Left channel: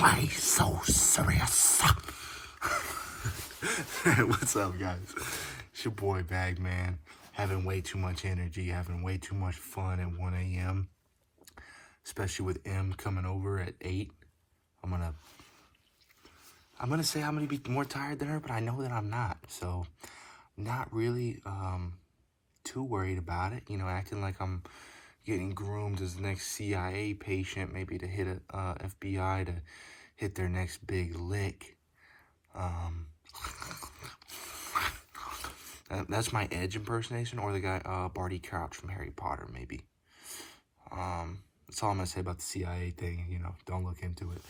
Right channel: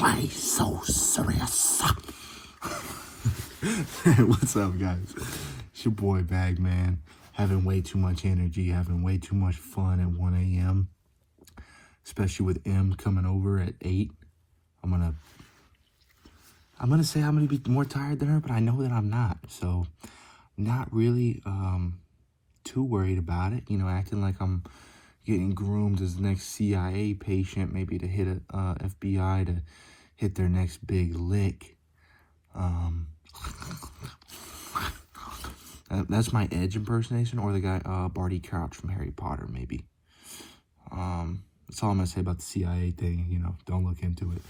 Why so serious? What's up, guys? It's your boy Bagman. Having way too much energy, having way too much fun at 1 a.m. Especially with M coming over at 8. I'm gonna say I'm gonna be more tired than her, but I know that I'm not. So not really too worried about it. You know, acting like I'm getting groomed as the next CIA patient, maybe to hit a FBI to hit their next big lick. That's my Edge impersonation, or the guy Barty Crouch from Harry Potter, maybe. That's all I'm gonna say about the CIA thing. You know, don't look into it.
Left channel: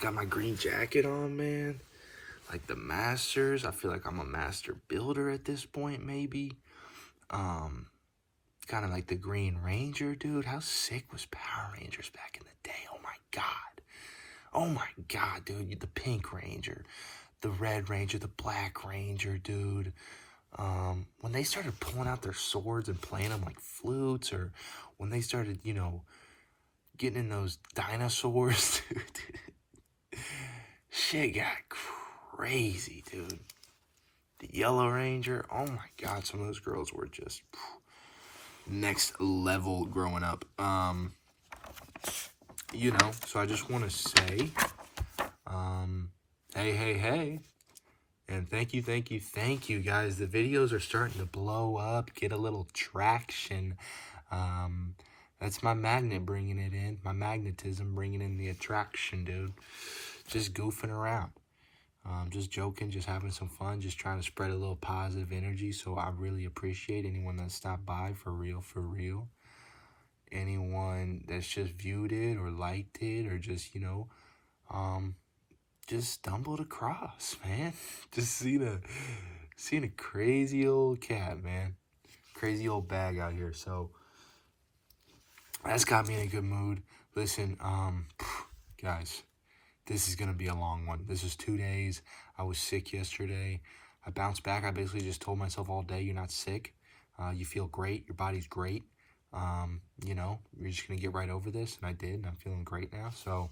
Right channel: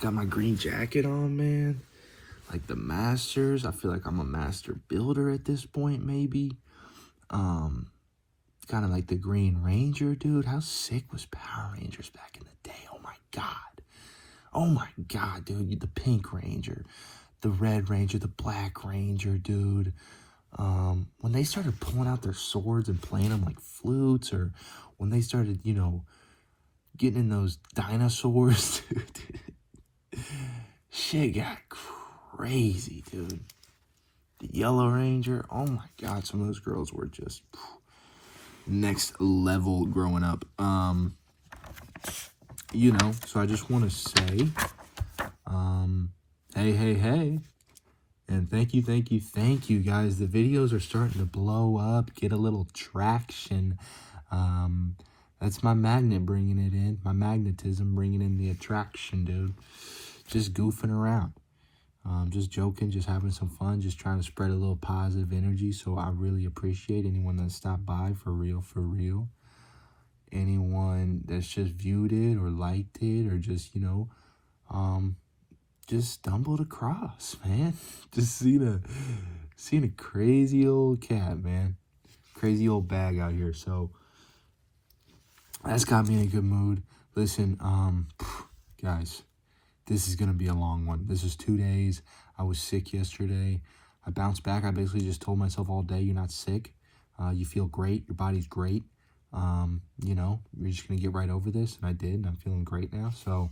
Got my green jacket on, man. Like the masters. I feel like I'm a master builder at this point, maybe. Kind of like the Green Ranger, dude. How sick was Power Rangers back in the day? Oh my god. Oh my god, dude. The Pink Ranger, the Red Ranger, the Black Ranger, dude. When they started pulling out their swords and playing them like flutes, or when they started, you know, getting in those dinosaurs, dude. Shit got crazy, dude. The Yellow Ranger, oh my god, some of those girls were just next level growing up. You know, so I just want to say, hey, and thank you, guys. The videos are starting to blow up, get a little traction. That's my magnet bringing it in, my magnetism bringing in the attraction, dude. Just goofing around. Just joking, just having some fun, just trying to spread a little positive energy. So I really appreciate anyone that stopped by, for real. Anyone that's just viewed it or liked it, or just, you know, just stumbled across, man. Just seen a crazy old cat, man. Crazy old bag out here. So that's got me in a good mood. Listen, guys, this is going to be a long one. This is 2 days. I was sick yesterday. I bounced back. I basically just told myself all day, you're not sick. You feel great. Your body's great. You know, you're just going to get right over this. And I did. And I'm feeling great now. So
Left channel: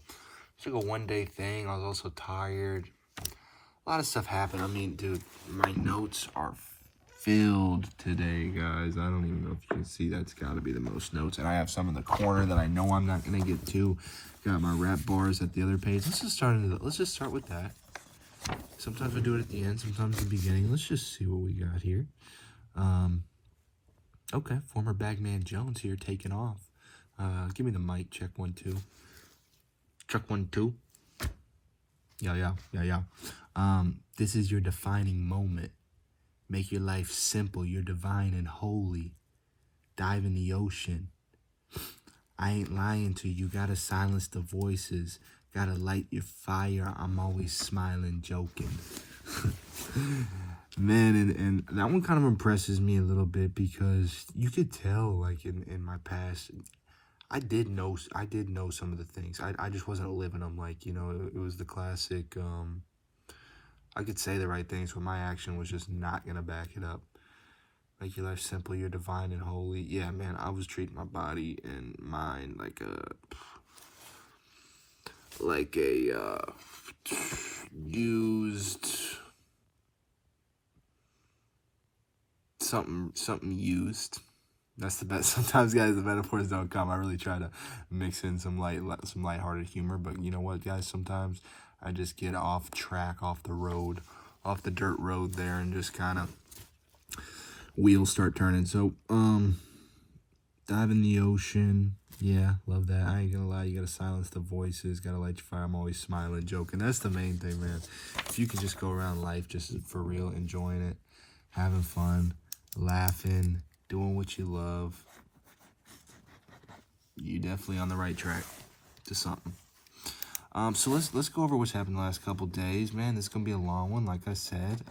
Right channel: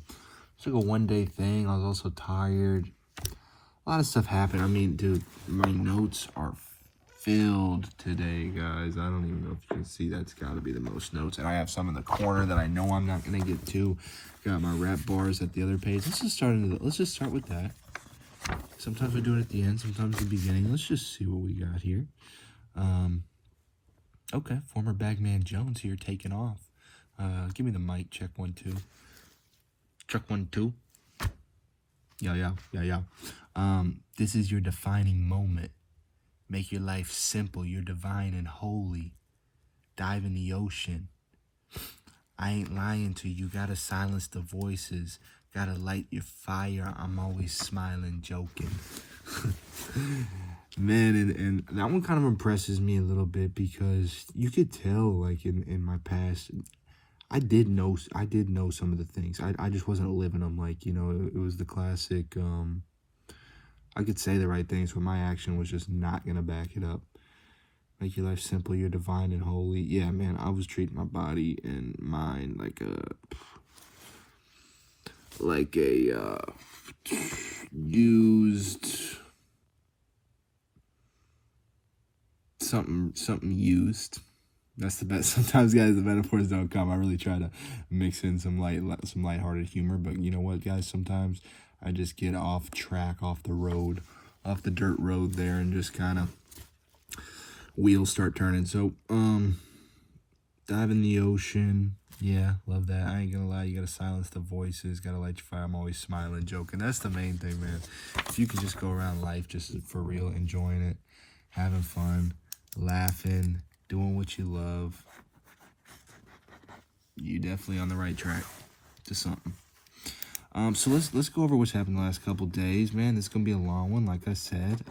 it's like a 1 day thing. I was also tired. A lot of stuff happened. I mean, dude, my notes are filled today, guys. I don't even know if you can see. That's got to be the most notes. And I have some in the corner that I know I'm not going to get to. Got my rap bars at the other page. Let's just start with that. Sometimes we do it at the end, sometimes at the beginning. Let's just see what we got here. Okay, former Bagman Jones here, taking off. Give me the mic. Check 1 2. Check 1 2. Yeah. This is your defining moment. Make your life simple. You're divine and holy. Dive in the ocean. I ain't lying to you. Gotta silence the voices. Gotta light your fire. I'm always smiling, joking. Man, and that one kind of impresses me a little bit, because you could tell, like, in my past, I did know some of the things. I just wasn't living them. Like, you know, it was the classic, I could say the right things, but my action was just not gonna back it up. Make your life simple, you're divine and holy. Yeah, man, I was treating my body and mind like a used something used. That's the best. Sometimes, guys, the metaphors don't come. I really try to mix in some lighthearted humor, but you know what, guys? Sometimes I just get off track, off the road, off the dirt road there, and just kind of wheels start turning. So, dive in the ocean. Yeah, love that. I ain't gonna lie, you gotta silence the voices, gotta light your fire. I'm always smiling, joking. That's the main thing, man. If you can just go around life just for real, enjoying it, having fun, laughing, doing what you love, you definitely on the right track to something. So let's go over what's happened the last couple days, man. This is gonna be a long one, like I said.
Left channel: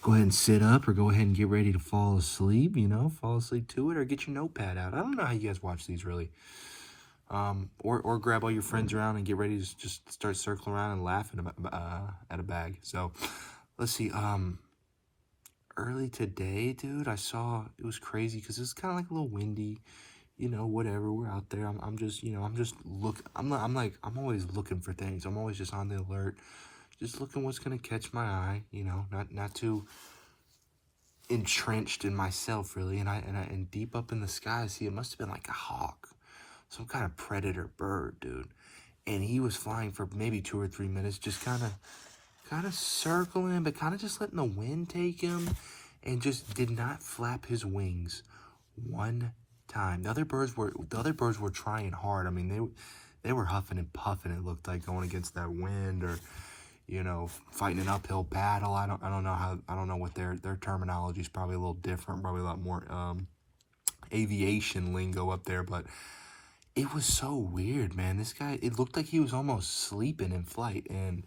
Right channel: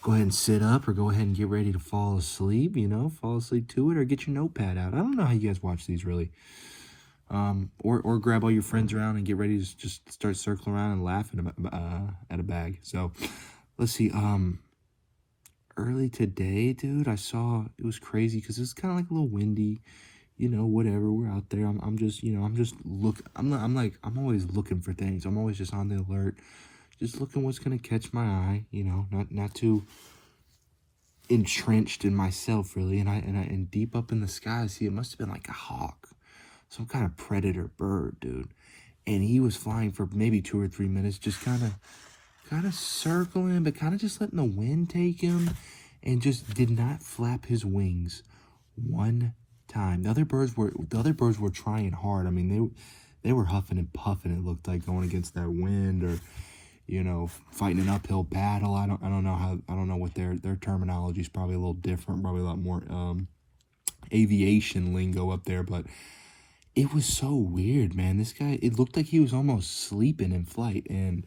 Go ahead and sit up, or go ahead and get ready to fall asleep, you know, fall asleep to it, or get your notepad out. I don't know how you guys watch these, really. Or grab all your friends around and get ready to just start circling around and laughing at a bag. So, let's see, early today, dude, I saw, it was crazy, because it was kind of like a little windy, you know, whatever. We're out there. I'm just, you know, I'm just look. I'm always looking for things. I'm always just on the alert, just looking what's gonna catch my eye. You know, not too entrenched in myself really. And deep up in the sky, see, it must have been like a hawk, some kind of predator bird, dude. And he was flying for maybe 2 or 3 minutes, just kind of circling, but kind of just letting the wind take him, and just did not flap his wings one time. The other birds were trying hard. I mean, they were huffing and puffing. It looked like, going against that wind, or you know, fighting an uphill battle. I don't know what their terminology is. Probably a little different. Probably a lot more aviation lingo up there, but it was so weird, man. This guy, it looked like he was almost sleeping in flight, and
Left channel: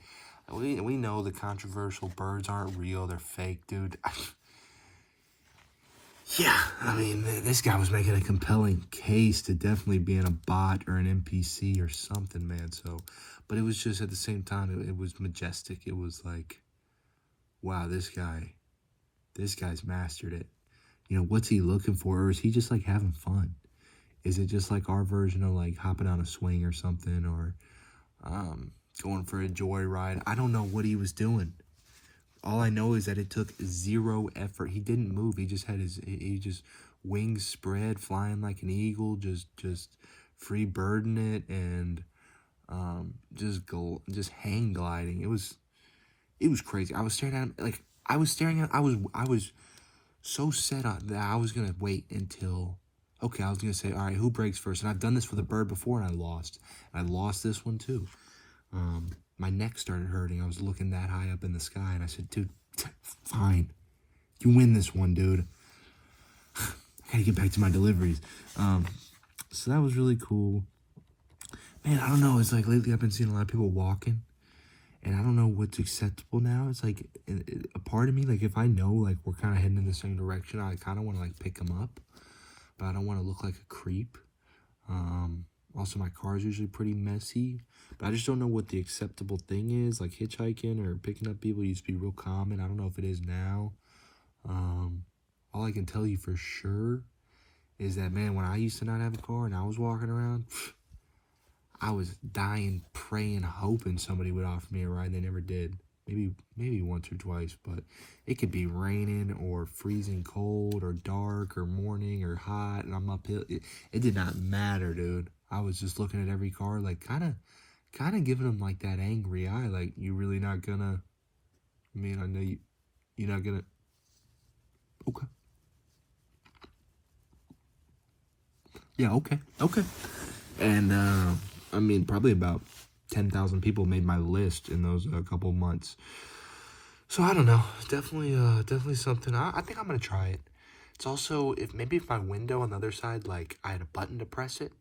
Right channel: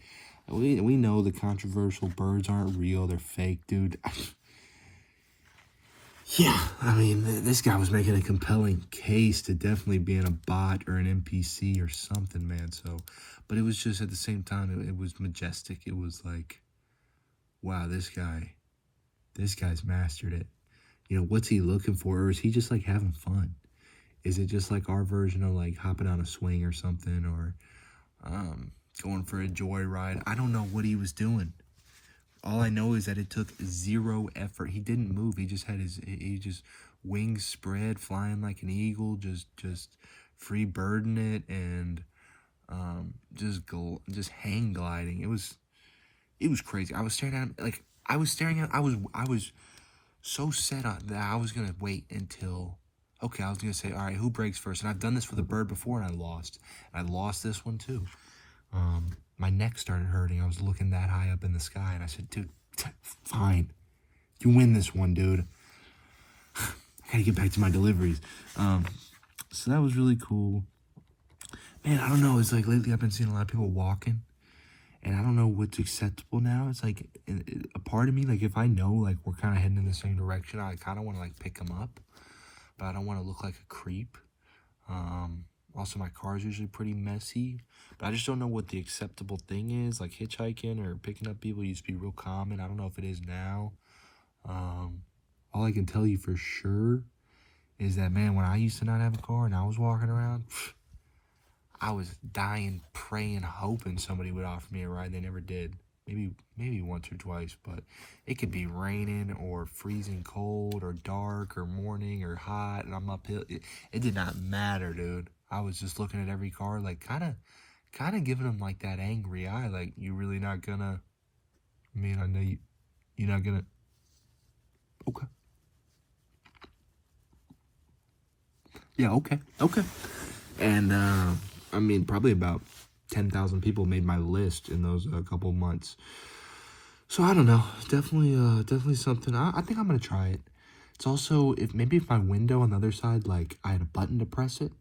we know the controversial birds aren't real, they're fake, dude. Yeah, I mean, this guy was making a compelling case to definitely being a bot or an NPC or something, man. So, but it was just, at the same time, it was majestic. It was like, wow, this guy's mastered it. You know, what's he looking for? Or is he just like having fun? Is it just like our version of like hopping on a swing or something, or going for a joyride? I don't know what he was doing. All I know is that it took zero effort. He didn't move. He just had he just wings spread, flying like an eagle, just free birding it, and just hang gliding. It was crazy. I was staring at him, like I was so set on that I was gonna wait until, okay, I was gonna say, all right, who breaks first? And I've done this with a bird before, and I lost. I lost this one too. My neck started hurting. I was looking that high up in the sky, and I said, dude, fine. You win this one, dude. I gotta get back to my deliveries. So that was really cool. Man, I don't know. It's like lately I've been seeing a lot of people walking, and I don't know what's acceptable now. It's like a part of me, like if I know like we're kind of heading in the same direction, I kind of want to like pick them up, but I don't want to look like a creep. Also, my car is usually pretty messy, but I just don't know what the acceptable thing is. Like hitchhiking or picking up people used to be real common. I don't know if it is now. All I can tell you for sure is that, man, when I used to not have a car and I was walking around, I was dying, praying, hoping somebody would offer me a ride. They never did. Maybe once or twice, but it could be raining or freezing cold or dark or morning or hot, and I'm uphill. It did not matter, dude. I was just looking at every car, like kind of giving them like that angry eye, like, you really not gonna. I mean, I know you're not gonna. Okay. Yeah. Okay. And I mean, probably about 10,000 people made my list in those couple months. So I don't know. Definitely something. I think I'm gonna try it. It's also, if my window on the other side, like I had a button to press it,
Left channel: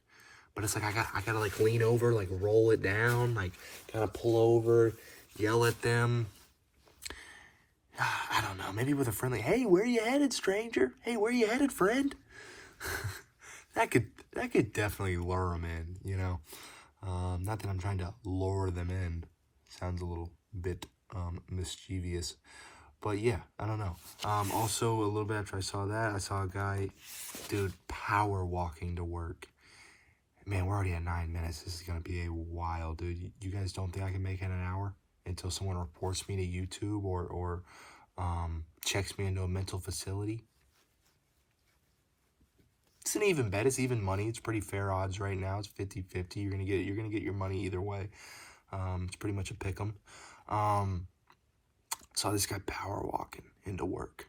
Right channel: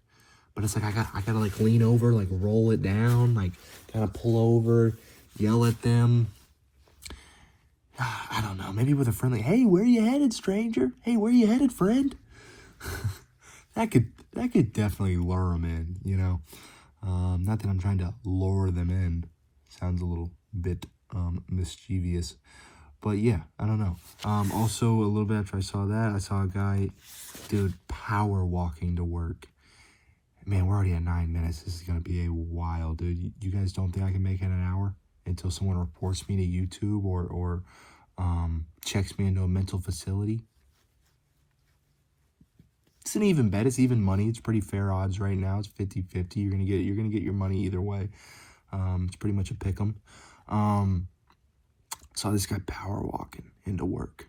but it's like I gotta like lean over, like roll it down, like kind of pull over, yell at them. I don't know. Maybe with a friendly, hey, where you headed, stranger? Hey, where you headed, friend? that could definitely lure them in. You know, not that I'm trying to lure them in. Sounds a little bit mischievous. But yeah, I don't know. Also, a little bit after I saw that, I saw a guy, dude, power walking to work. Man, we're already at 9 minutes. This is going to be a while, dude. You guys don't think I can make it an hour until someone reports me to YouTube or checks me into a mental facility? It's an even bet. It's even money. It's pretty fair odds right now. It's 50-50. You're gonna get your money either way. It's pretty much a pick 'em. Saw this guy power walking into work,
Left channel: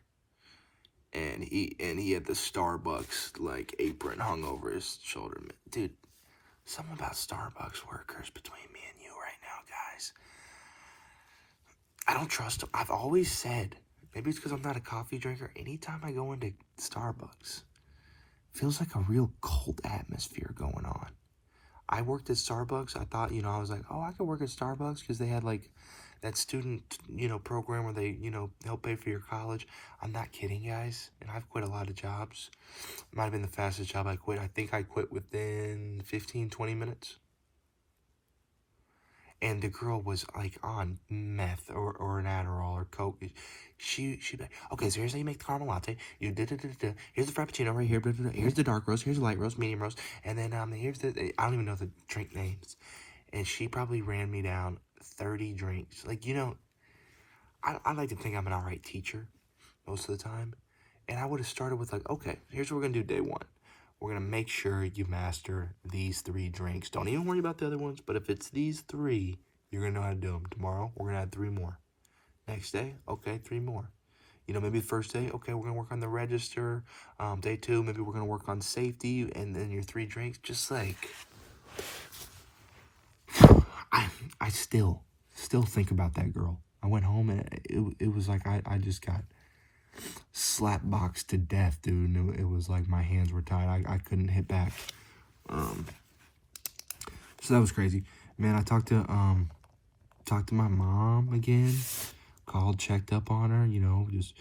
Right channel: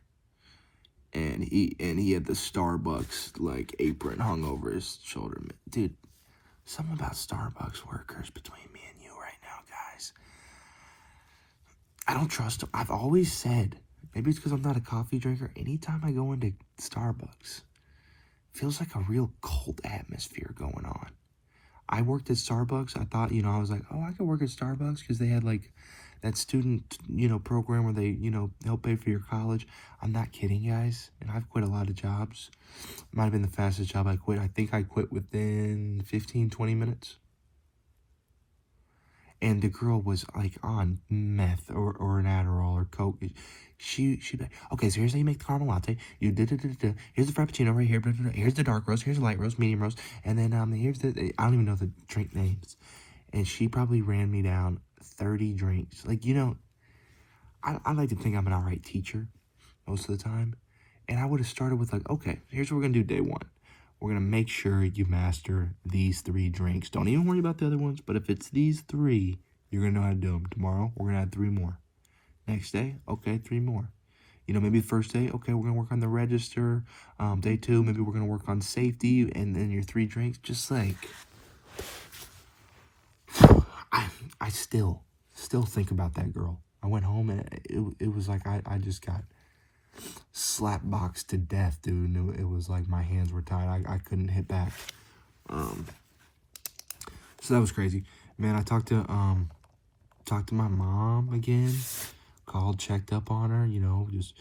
and he had the Starbucks like apron hung over his shoulder. Dude, something about Starbucks workers between me and you right now, guys. I don't trust them. I've always said, maybe it's because I'm not a coffee drinker. Anytime I go into Starbucks, it feels like a real cult atmosphere going on. I worked at Starbucks. I thought, I was like, oh, I could work at Starbucks because they had like that student, program where they, help pay for your college. I'm not kidding, guys. And I've quit a lot of jobs. Might have been the fastest job I quit. I think I quit within 15-20 minutes. And the girl was like on meth or an Adderall or Coke. Okay, so here's how you make the caramel latte. You did it. Here's the frappuccino right here. Blah, blah, blah. Here's the dark roast. Here's the light roast, medium roast, and then here's the I don't even know the drink names. And she probably ran me down 30 drinks. Like, I like to think I'm an alright teacher most of the time. And I would have started with like, okay, here's what we're gonna do day one. We're gonna make sure you master these 3 drinks. Don't even worry about the other ones. But if it's these 3, you're gonna know how to do them. Tomorrow, we're gonna add 3 more. Next day, okay, 3 more. Maybe first day, okay, we're gonna work on the register. Day 2, maybe we're gonna work on safety, and then your 3 drinks. Just like, I still think about that girl. I went home and it was like I just got slap boxed to death, dude. And it was like my hands were tied. I couldn't hit back. So that was crazy, man. I talked to my mom again. Called, checked up on her. Just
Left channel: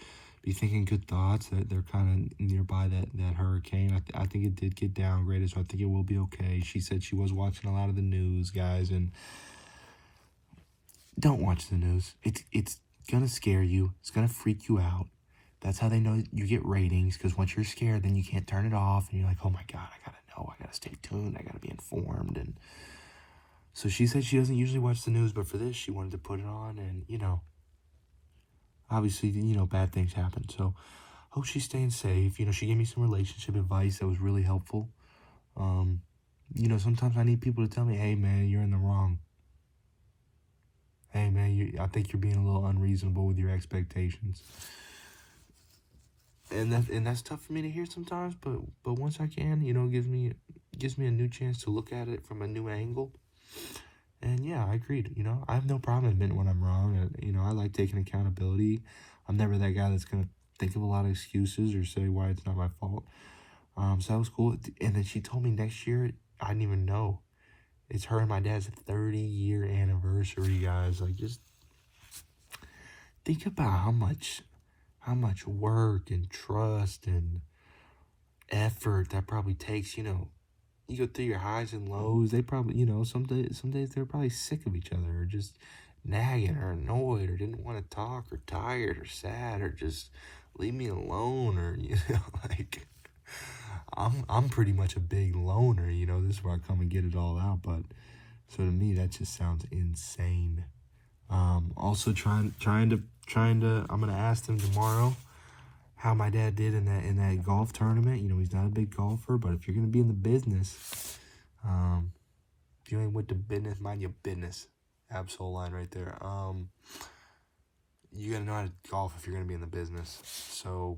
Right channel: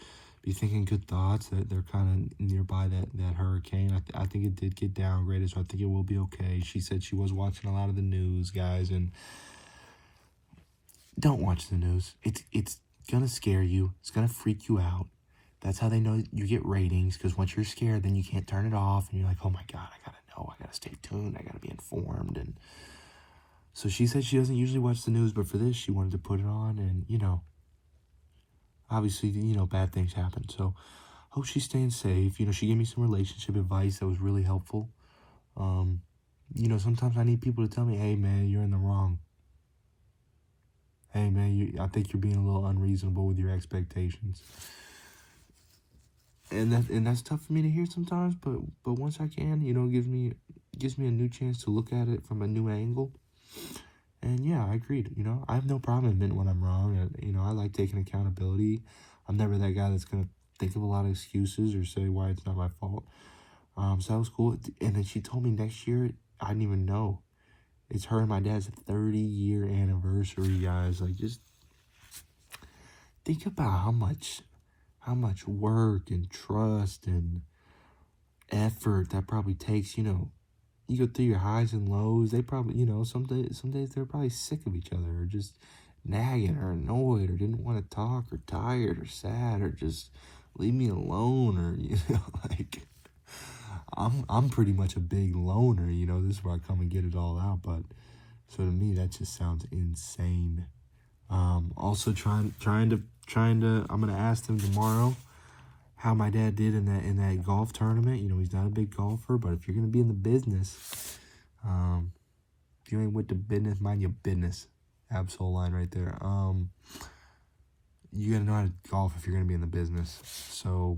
be thinking good thoughts that they're kind of nearby that hurricane. I think it did get downgraded, so I think it will be okay. She said she was watching a lot of the news, guys, and don't watch the news. It's gonna scare you. It's gonna freak you out. That's how they know you get ratings, because once you're scared, then you can't turn it off, and you're like, oh my God, I gotta know, I gotta stay tuned, I gotta be informed. And so she said she doesn't usually watch the news, but for this, she wanted to put it on, and obviously, bad things happen. So hope she's staying safe. She gave me some relationship advice that was really helpful. Sometimes I need people to tell me, hey man, you're in the wrong. Hey man, I think you're being a little unreasonable with your expectations. And that's tough for me to hear sometimes, but once I can, it gives me a new chance to look at it from a new angle. And yeah, I agreed. I have no problem admitting when I'm wrong. I like taking accountability. I'm never that guy that's gonna think of a lot of excuses or say why it's not my fault. So that was cool. And then she told me next year, I didn't even know. It's her and my dad's 30-year anniversary, guys. Like, just think about how much work and trust and effort that probably takes. You go through your highs and lows. They probably, some days they're probably sick of each other, or just nagging, or annoyed, or didn't want to talk, or tired, or sad, or just leave me alone, or like, I'm pretty much a big loner. This is where I come and get it all out. But so to me, that just sounds insane. Also trying to. I'm gonna ask him tomorrow how my dad did in that golf tournament. He's not a big golfer, but if you're gonna be in the business, if you're with the business, mind your business. Absol line right there. You gotta know how to golf if you're gonna be in the business. So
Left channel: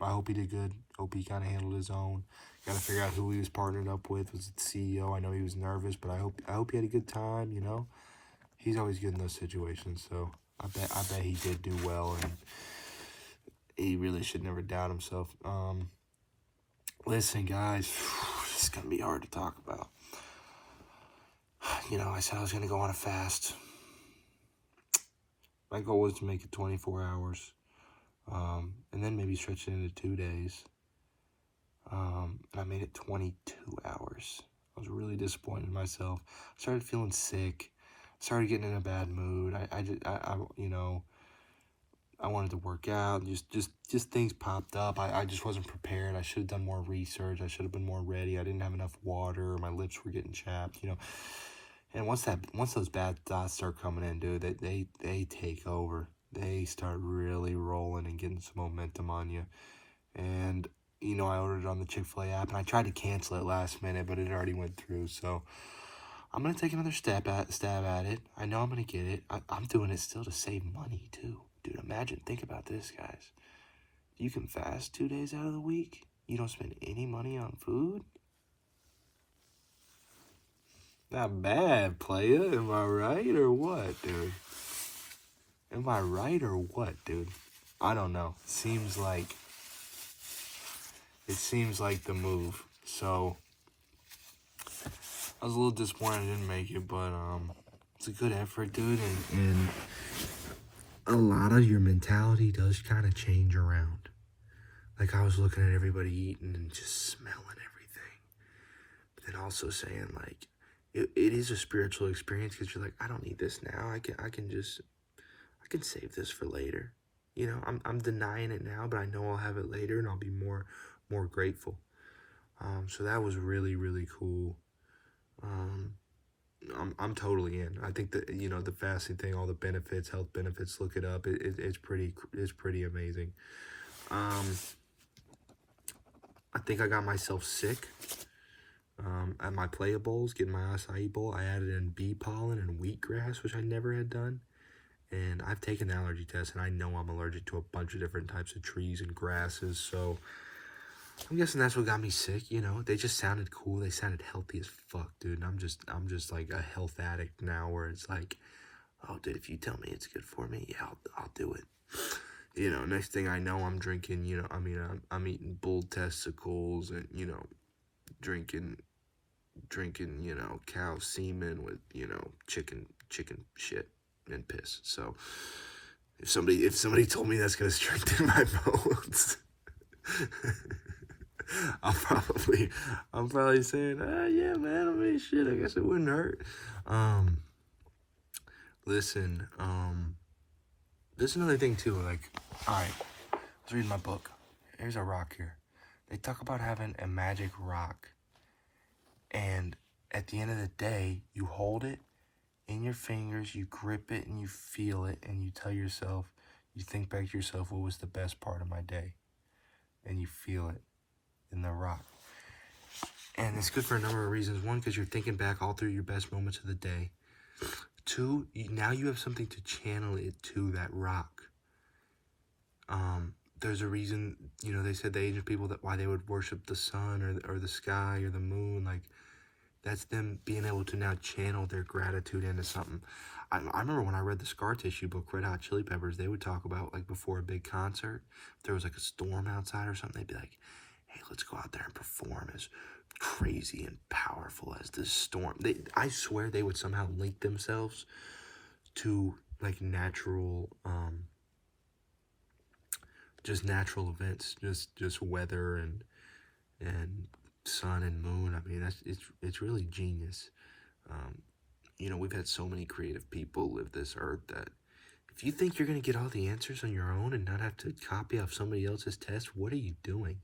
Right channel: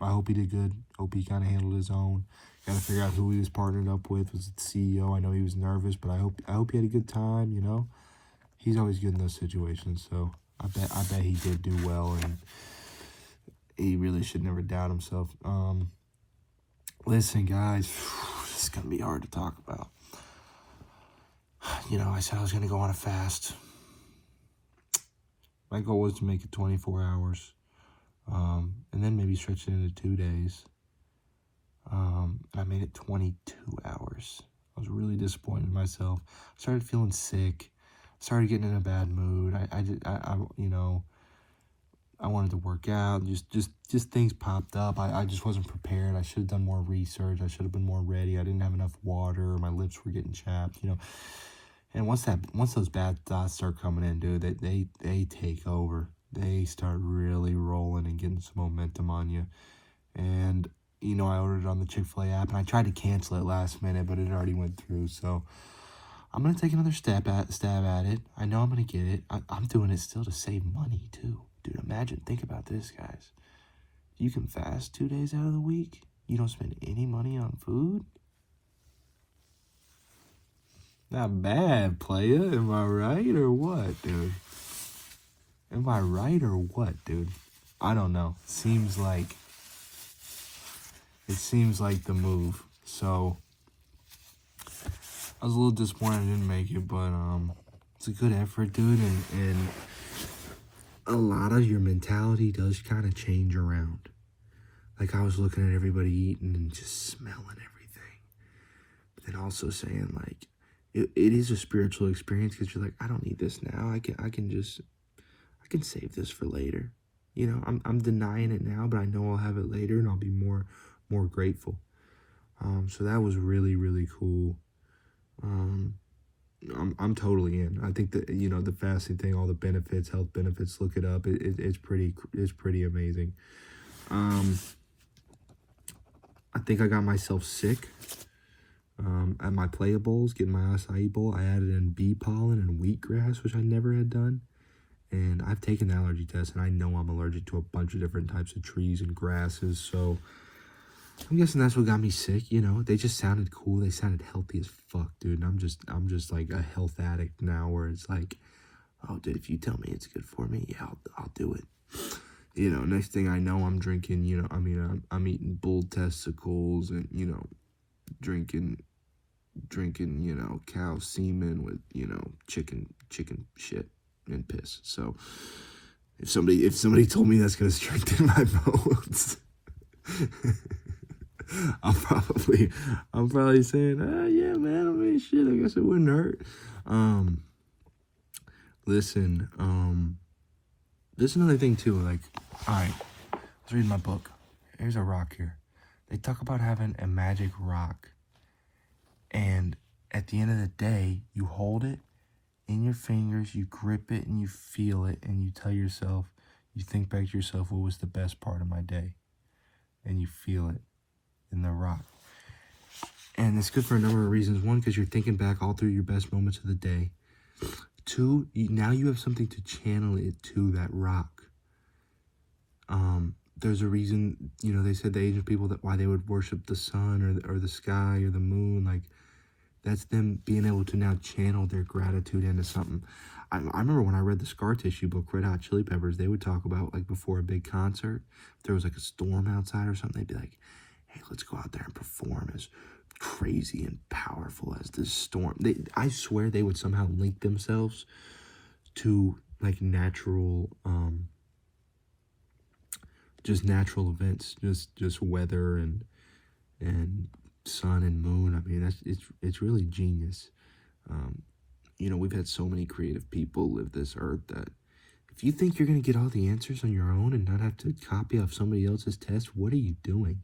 I hope he did good. Hope he kind of handled his own. Gotta figure out who he was partnered up with. Was it the CEO? I know he was nervous, but I hope he had a good time. He's always good in those situations. So I bet he did do well, and he really should never doubt himself. Listen, guys, it's gonna be hard to talk about. I said I was gonna go on a fast. My goal was to make it 24 hours, and then maybe stretch it into 2 days. I made it 22 hours. I was really disappointed in myself. I started feeling sick. Started getting in a bad mood. I wanted to work out. Just things popped up. I just wasn't prepared. I should have done more research. I should have been more ready. I didn't have enough water. My lips were getting chapped. And once those bad thoughts start coming in, dude, they take over. They start really rolling and getting some momentum on you. And I ordered it on the Chick-fil-A app, and I tried to cancel it last minute, but it already went through. So I'm gonna take another stab at it. I know I'm gonna get it. I'm doing it still to save money too, dude. Think about this, guys. You can fast 2 days out of the week. You don't spend any money on food. Not bad, playa. Am I right or what, dude? Am I right or what, dude? I don't know. It seems like the move. So I was a little disappointed I didn't make it, but it's a good effort, dude, and a lot of your mentality does kind of change around. Like, I was looking at everybody eating and just smelling everything, but then also saying, like, it is a spiritual experience, because you're like, I don't need this now. I can can save this for later. You know, I'm denying it now, but I know I'll have it later, and I'll be more grateful. So that was really, really cool. I'm totally in. I think that, you know, the fasting thing, all the benefits, health benefits, look it up. It's pretty amazing. I think I got myself sick. At my playables, getting my acai bowl, I added in bee pollen and wheatgrass, which I never had done. And I've taken allergy tests, and I know I'm allergic to a bunch of different types of trees and grasses. So I'm guessing that's what got me sick. You know, they just sounded cool. They sounded healthy as fuck, dude. And I'm just like a health addict now, where it's like, oh, dude, if you tell me it's good for me, yeah, I'll do it. You know, next thing I know, I'm drinking. You know, I mean, I'm eating bull testicles, and, you know, drinking, you know, cow semen with, you know, chicken shit and piss. So if somebody told me that's gonna strengthen my bones, I'm probably saying, yeah, man, I mean, shit, I guess it wouldn't hurt. Listen, there's another thing too, like, alright, I was reading my book. Here's a rock here. They talk about having a magic rock, and at the end of the day, you hold it in your fingers, you grip it, and you feel it, and you tell yourself, you think back to yourself, what was the best part of my day? And you feel it in the rock. And it's good for a number of reasons. One, because you're thinking back all through your best moments of the day. Two, now you have something to channel it to, that rock. There's a reason, you know, they said the ancient people that why they would worship the sun or the sky or the moon, like, that's them being able to now channel their gratitude into something. I remember when I read the Scar Tissue book, Red Hot Chili Peppers, they would talk about, like, before a big concert, if there was like a storm outside or something, they'd be like, hey, let's go out there and perform as crazy and powerful as this storm. I swear they would somehow link themselves to, like, natural, just natural events, just weather and sun and moon. I mean, it's really genius. You know, we've had so many creative people live this earth that if you think you're going to get all the answers on your own and not have to copy off somebody else's test, what are you doing,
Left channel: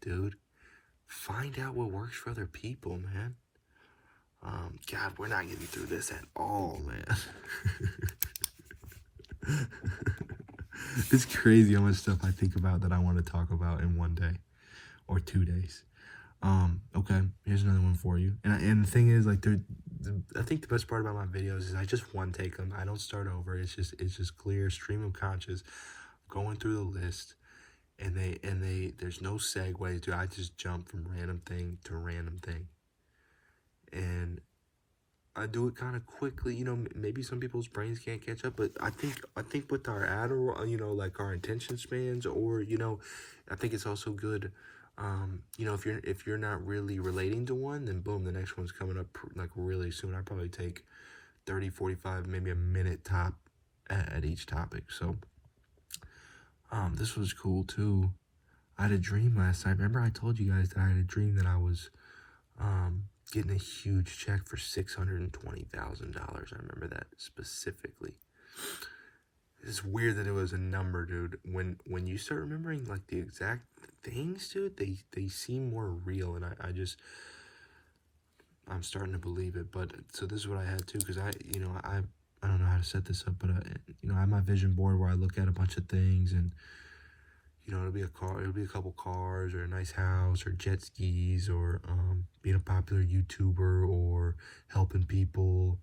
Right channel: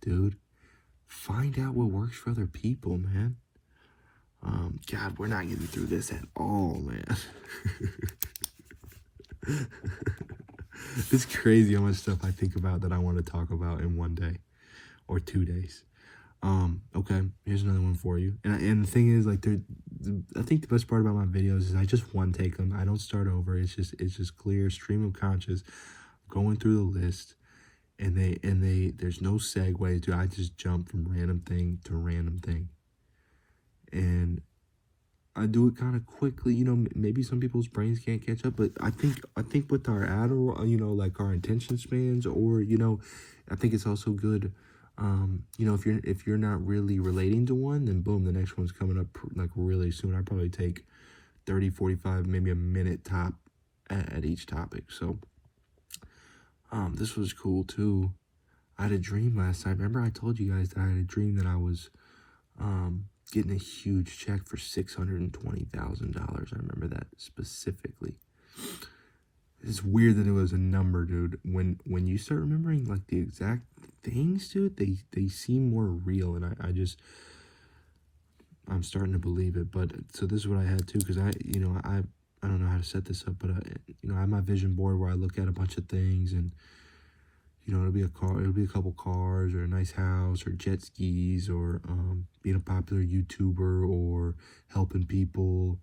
dude? Find out what works for other people, man. God, we're not getting through this at all, man. It's crazy how much stuff I think about that I want to talk about in one day or 2 days. Okay, here's another one for you. And the thing is, like, I think the best part about my videos is I just one take them. I don't start over. It's just clear stream of conscious, going through the list, and there's no segue to. I just jump from random thing to random thing, and I do it kind of quickly. You know, maybe some people's brains can't catch up, but I think with our Adderall, you know, like our attention spans, or, you know, I think it's also good. You know, if you're not really relating to one, then boom, the next one's coming up like really soon. I probably take 30, 45, maybe a minute top at each topic. So, this was cool too. I had a dream last night. Remember I told you guys that I had a dream that I was, getting a huge check for $620,000. I remember that specifically. It's weird that it was a number, dude. When you start remembering, like, the exact things, dude, they seem more real, and I'm starting to believe it. But so this is what I had too, because I don't know how to set this up, but I have my vision board where I look at a bunch of things, and, you know, it'll be a couple cars, or a nice house, or jet skis, or being a popular YouTuber, or helping people,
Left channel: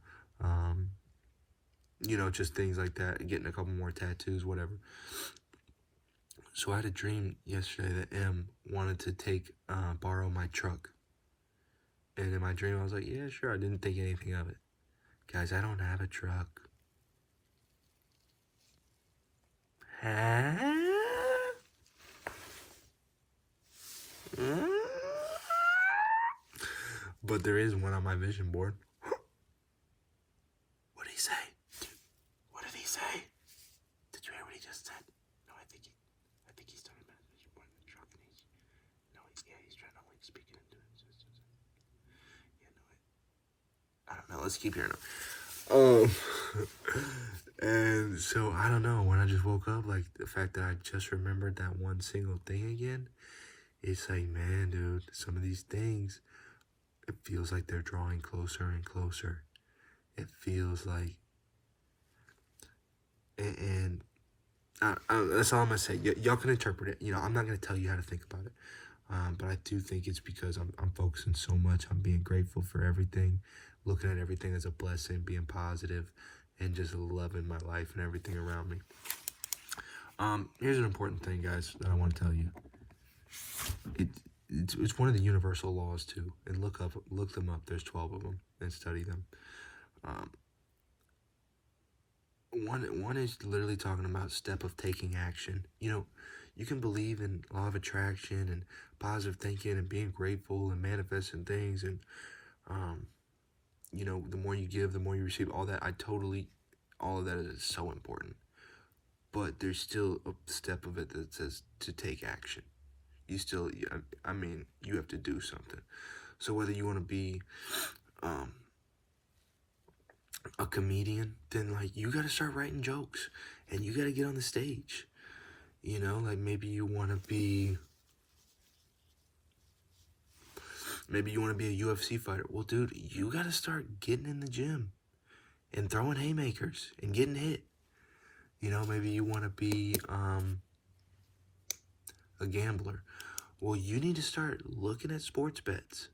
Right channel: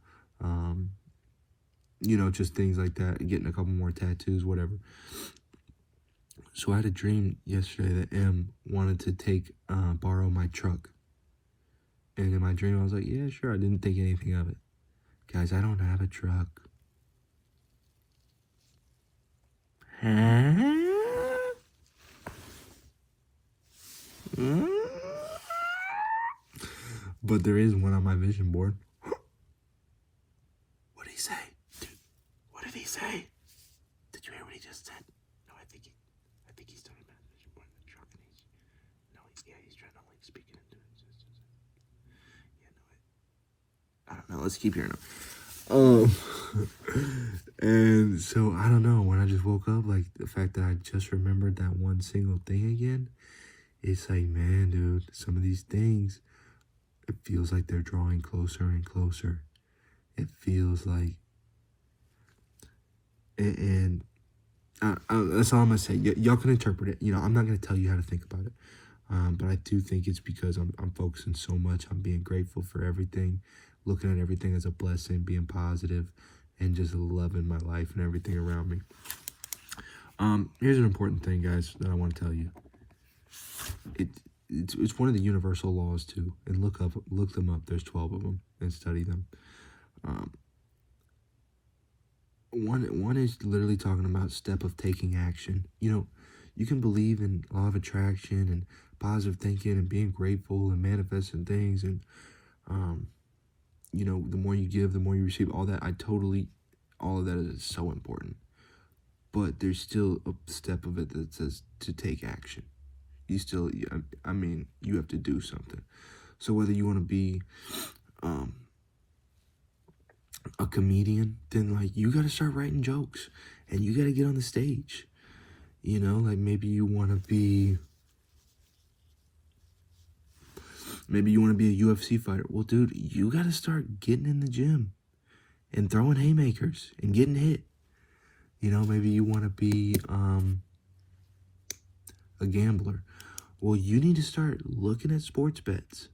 you know, just things like that, getting a couple more tattoos, whatever. So I had a dream yesterday that M wanted to borrow my truck. And in my dream, I was like, yeah, sure. I didn't think anything of it. Guys, I don't have a truck. But there is one on my vision board. What did he say? What did he say? Did you hear what he just said? No, I think he's talking about the vision board in the truck, and he's trying to, like, speak it into existence. Yeah, no, I don't know. Let's keep hearing him. And so I don't know, when I just woke up, like the fact that I just remembered that one single thing again, it's like, man, dude, some of these things, it feels like they're drawing closer and closer. It feels like, and that's all I'm gonna say. Y'all can interpret it. I'm not gonna tell you how to think about it. But I do think it's because I'm focusing so much on being grateful for everything, looking at everything as a blessing, being positive, and just loving my life and everything around me. Here's an important thing, guys, that I want to tell you. It's one of the universal laws too, and look them up. There's 12 of them, and study them. Um, one is literally talking about step of taking action. You can believe in law of attraction and positive thinking and being grateful and manifesting things, and the more you give, the more you receive. All of that is so important. But there's still a step of it that says to take action. You have to do something. So whether you want to be a comedian, then like you got to start writing jokes and you got to get on the stage. Like maybe you want to be a UFC fighter. Well, dude, you got to start getting in the gym and throwing haymakers and getting hit. Maybe you want to be a gambler. Well, you need to start looking at sports bets,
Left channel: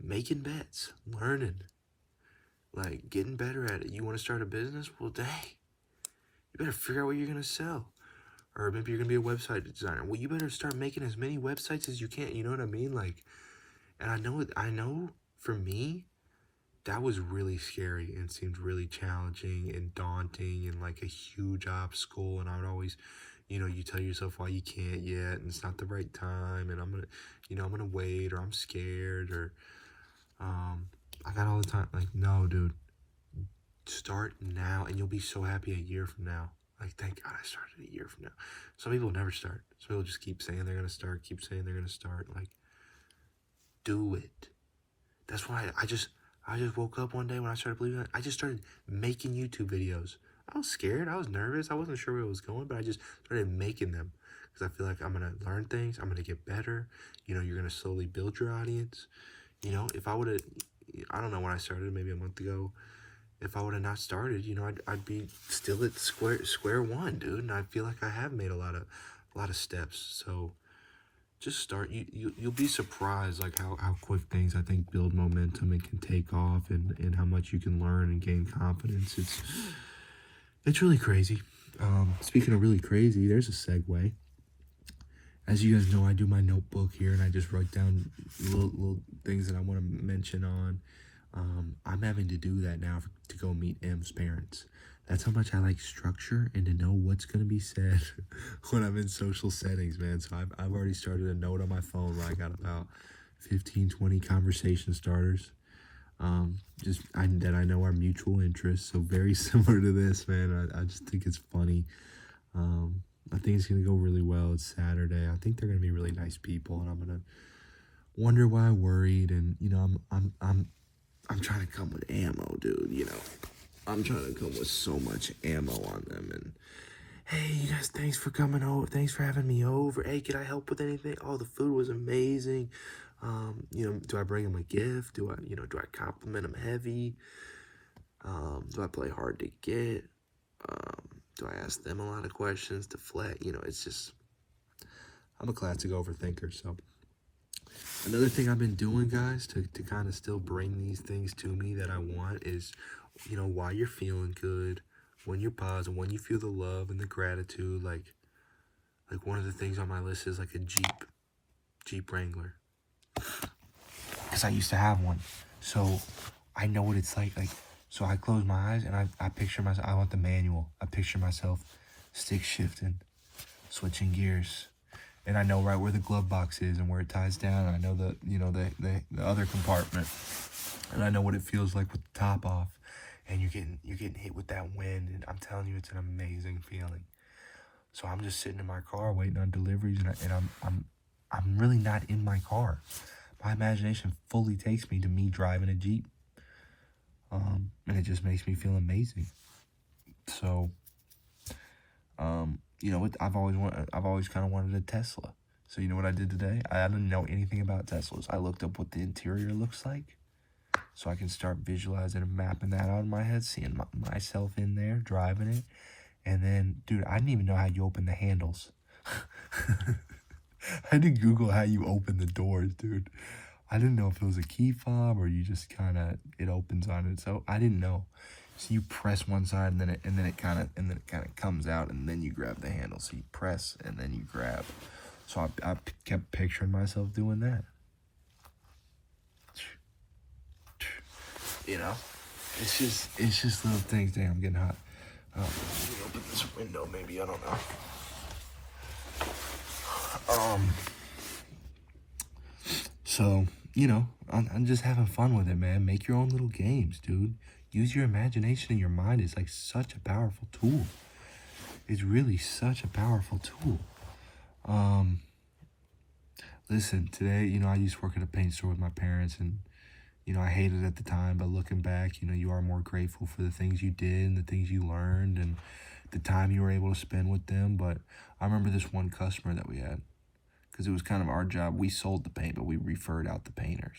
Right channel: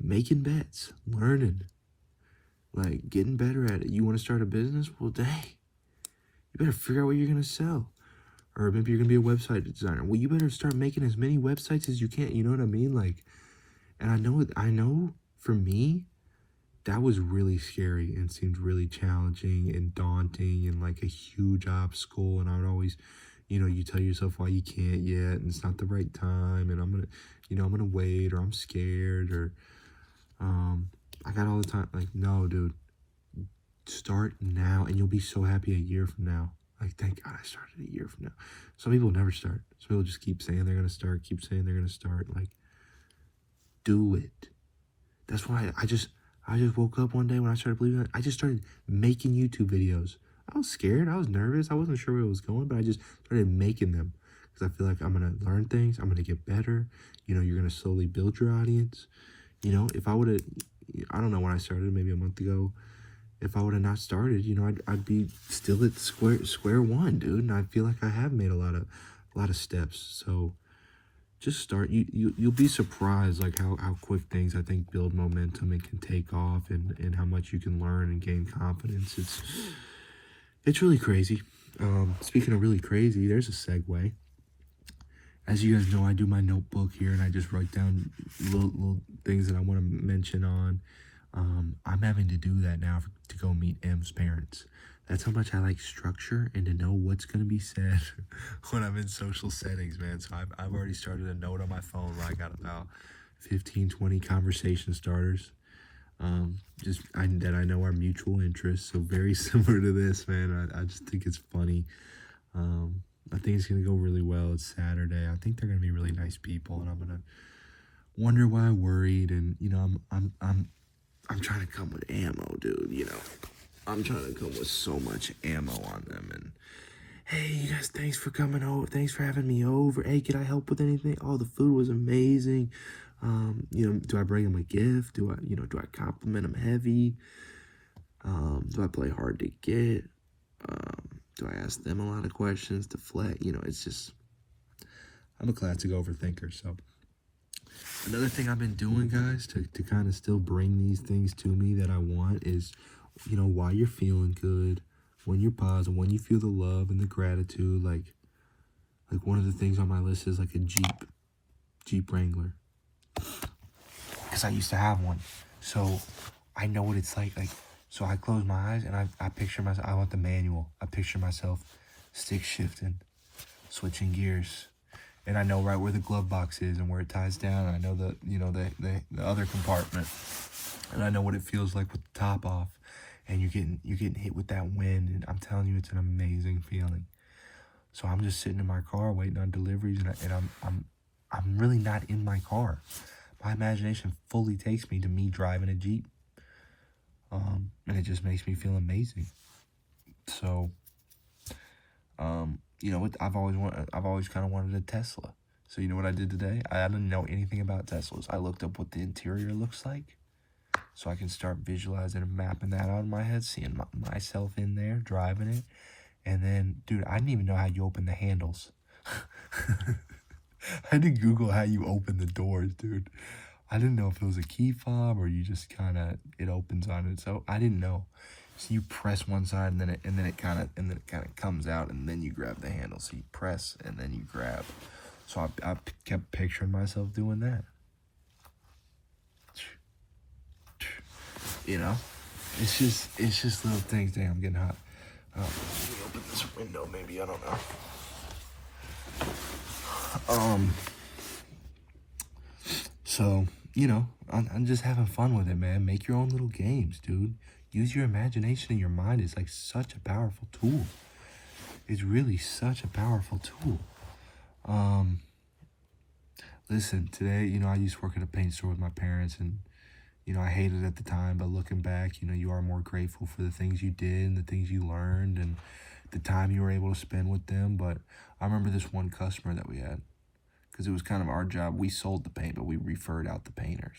making bets, learning, like getting better at it. You want to start a business? Well, dang, you better figure out what you're going to sell. Or maybe you're going to be a website designer. Well, you better start making as many websites as you can. You know what I mean? Like, and I know for me, that was really scary and seemed really challenging and daunting and like a huge obstacle. And I would always, you tell yourself why you can't yet, and it's not the right time, and I'm gonna wait, or I'm scared, or I got all the time. Like, no, dude, start now, and you'll be so happy a year from now. Like, thank God I started a year from now. Some people never start. Some people just keep saying they're gonna start, keep saying they're gonna start. Like, do it. That's why I just woke up one day when I started believing it. I just started making YouTube videos. I was scared. I was nervous. I wasn't sure where it was going, but I just started making them because I feel like I'm going to learn things. I'm going to get better. You're going to slowly build your audience. If I would have, I don't know when I started, maybe a month ago. If I would have not started, I'd be still at square one, dude. And I feel like I have made a lot of steps. So just start. You'll be surprised like how quick things I think build momentum and can take off, and how much you can learn and gain confidence. It's really crazy. Speaking of really crazy, there's a segue. As you guys know, I do my notebook here and I just write down little things that I want to mention on. I'm having to do that now to go meet M's parents. That's how much I like structure and to know what's going to be said when I'm in social settings, man. So I've already started a note on my phone where I got about 15, 20 conversation starters. That I know are mutual interests. So very similar to this, man. I just think it's funny. I think it's going to go really well. It's Saturday. I think they're going to be really nice people, and I'm going to wonder why I worried. And, I'm trying to come with ammo, dude, I'm trying to come with so much ammo on them. And hey, you guys, thanks for coming over. Thanks for having me over. Hey, can I help with anything? Oh, the food was amazing. Do I bring them a gift? Do I compliment them heavy? Do I play hard to get? Do I ask them a lot of questions? Deflect? It's just, I'm a classic overthinker. So another thing I've been doing, guys, to kind of still bring these things to me that I want is, while you're feeling good, when you're positive, when you feel the love and the gratitude, like one of the things on my list is like a Jeep Wrangler. Because I used to have one. So I know what it's like. So I close my eyes and I picture myself, I want the manual. I picture myself stick shifting, switching gears. And I know right where the glove box is and where it ties down. I know the other compartment. And I know what it feels like with the top off. And you're getting hit with that wind. And I'm telling you, it's an amazing feeling. So I'm just sitting in my car waiting on deliveries, and I'm really not in my car. My imagination fully takes me to me driving a Jeep. And it just makes me feel amazing. So, I've always kind of wanted a Tesla. So you know what I did today? I didn't know anything about Teslas. I looked up what the interior looks like, so I can start visualizing and mapping that out in my head, seeing myself in there driving it. And then, dude, I didn't even know how you open the handles. I had to Google how you open the doors, dude. I didn't know if it was a key fob or you just kind of, it opens on it. So I didn't know. So you press one side and then it kind of comes out and then you grab the handle. So you press and then you grab. So I kept picturing myself doing that. You know, it's just little things. Damn, I'm getting hot. Let me open this window, maybe, I don't know. So, I'm just having fun with it, man. Make your own little games, dude. Use your imagination and your mind. It's like such a powerful tool. It's really such a powerful tool. Listen, today, I used to work at a paint store with my parents, and, I hated it at the time, but looking back, you are more grateful for the things you did and the things you learned and the time you were able to spend with them. But I remember this one customer that we had, because it was kind of our job. We sold the paint, but we referred out the painters.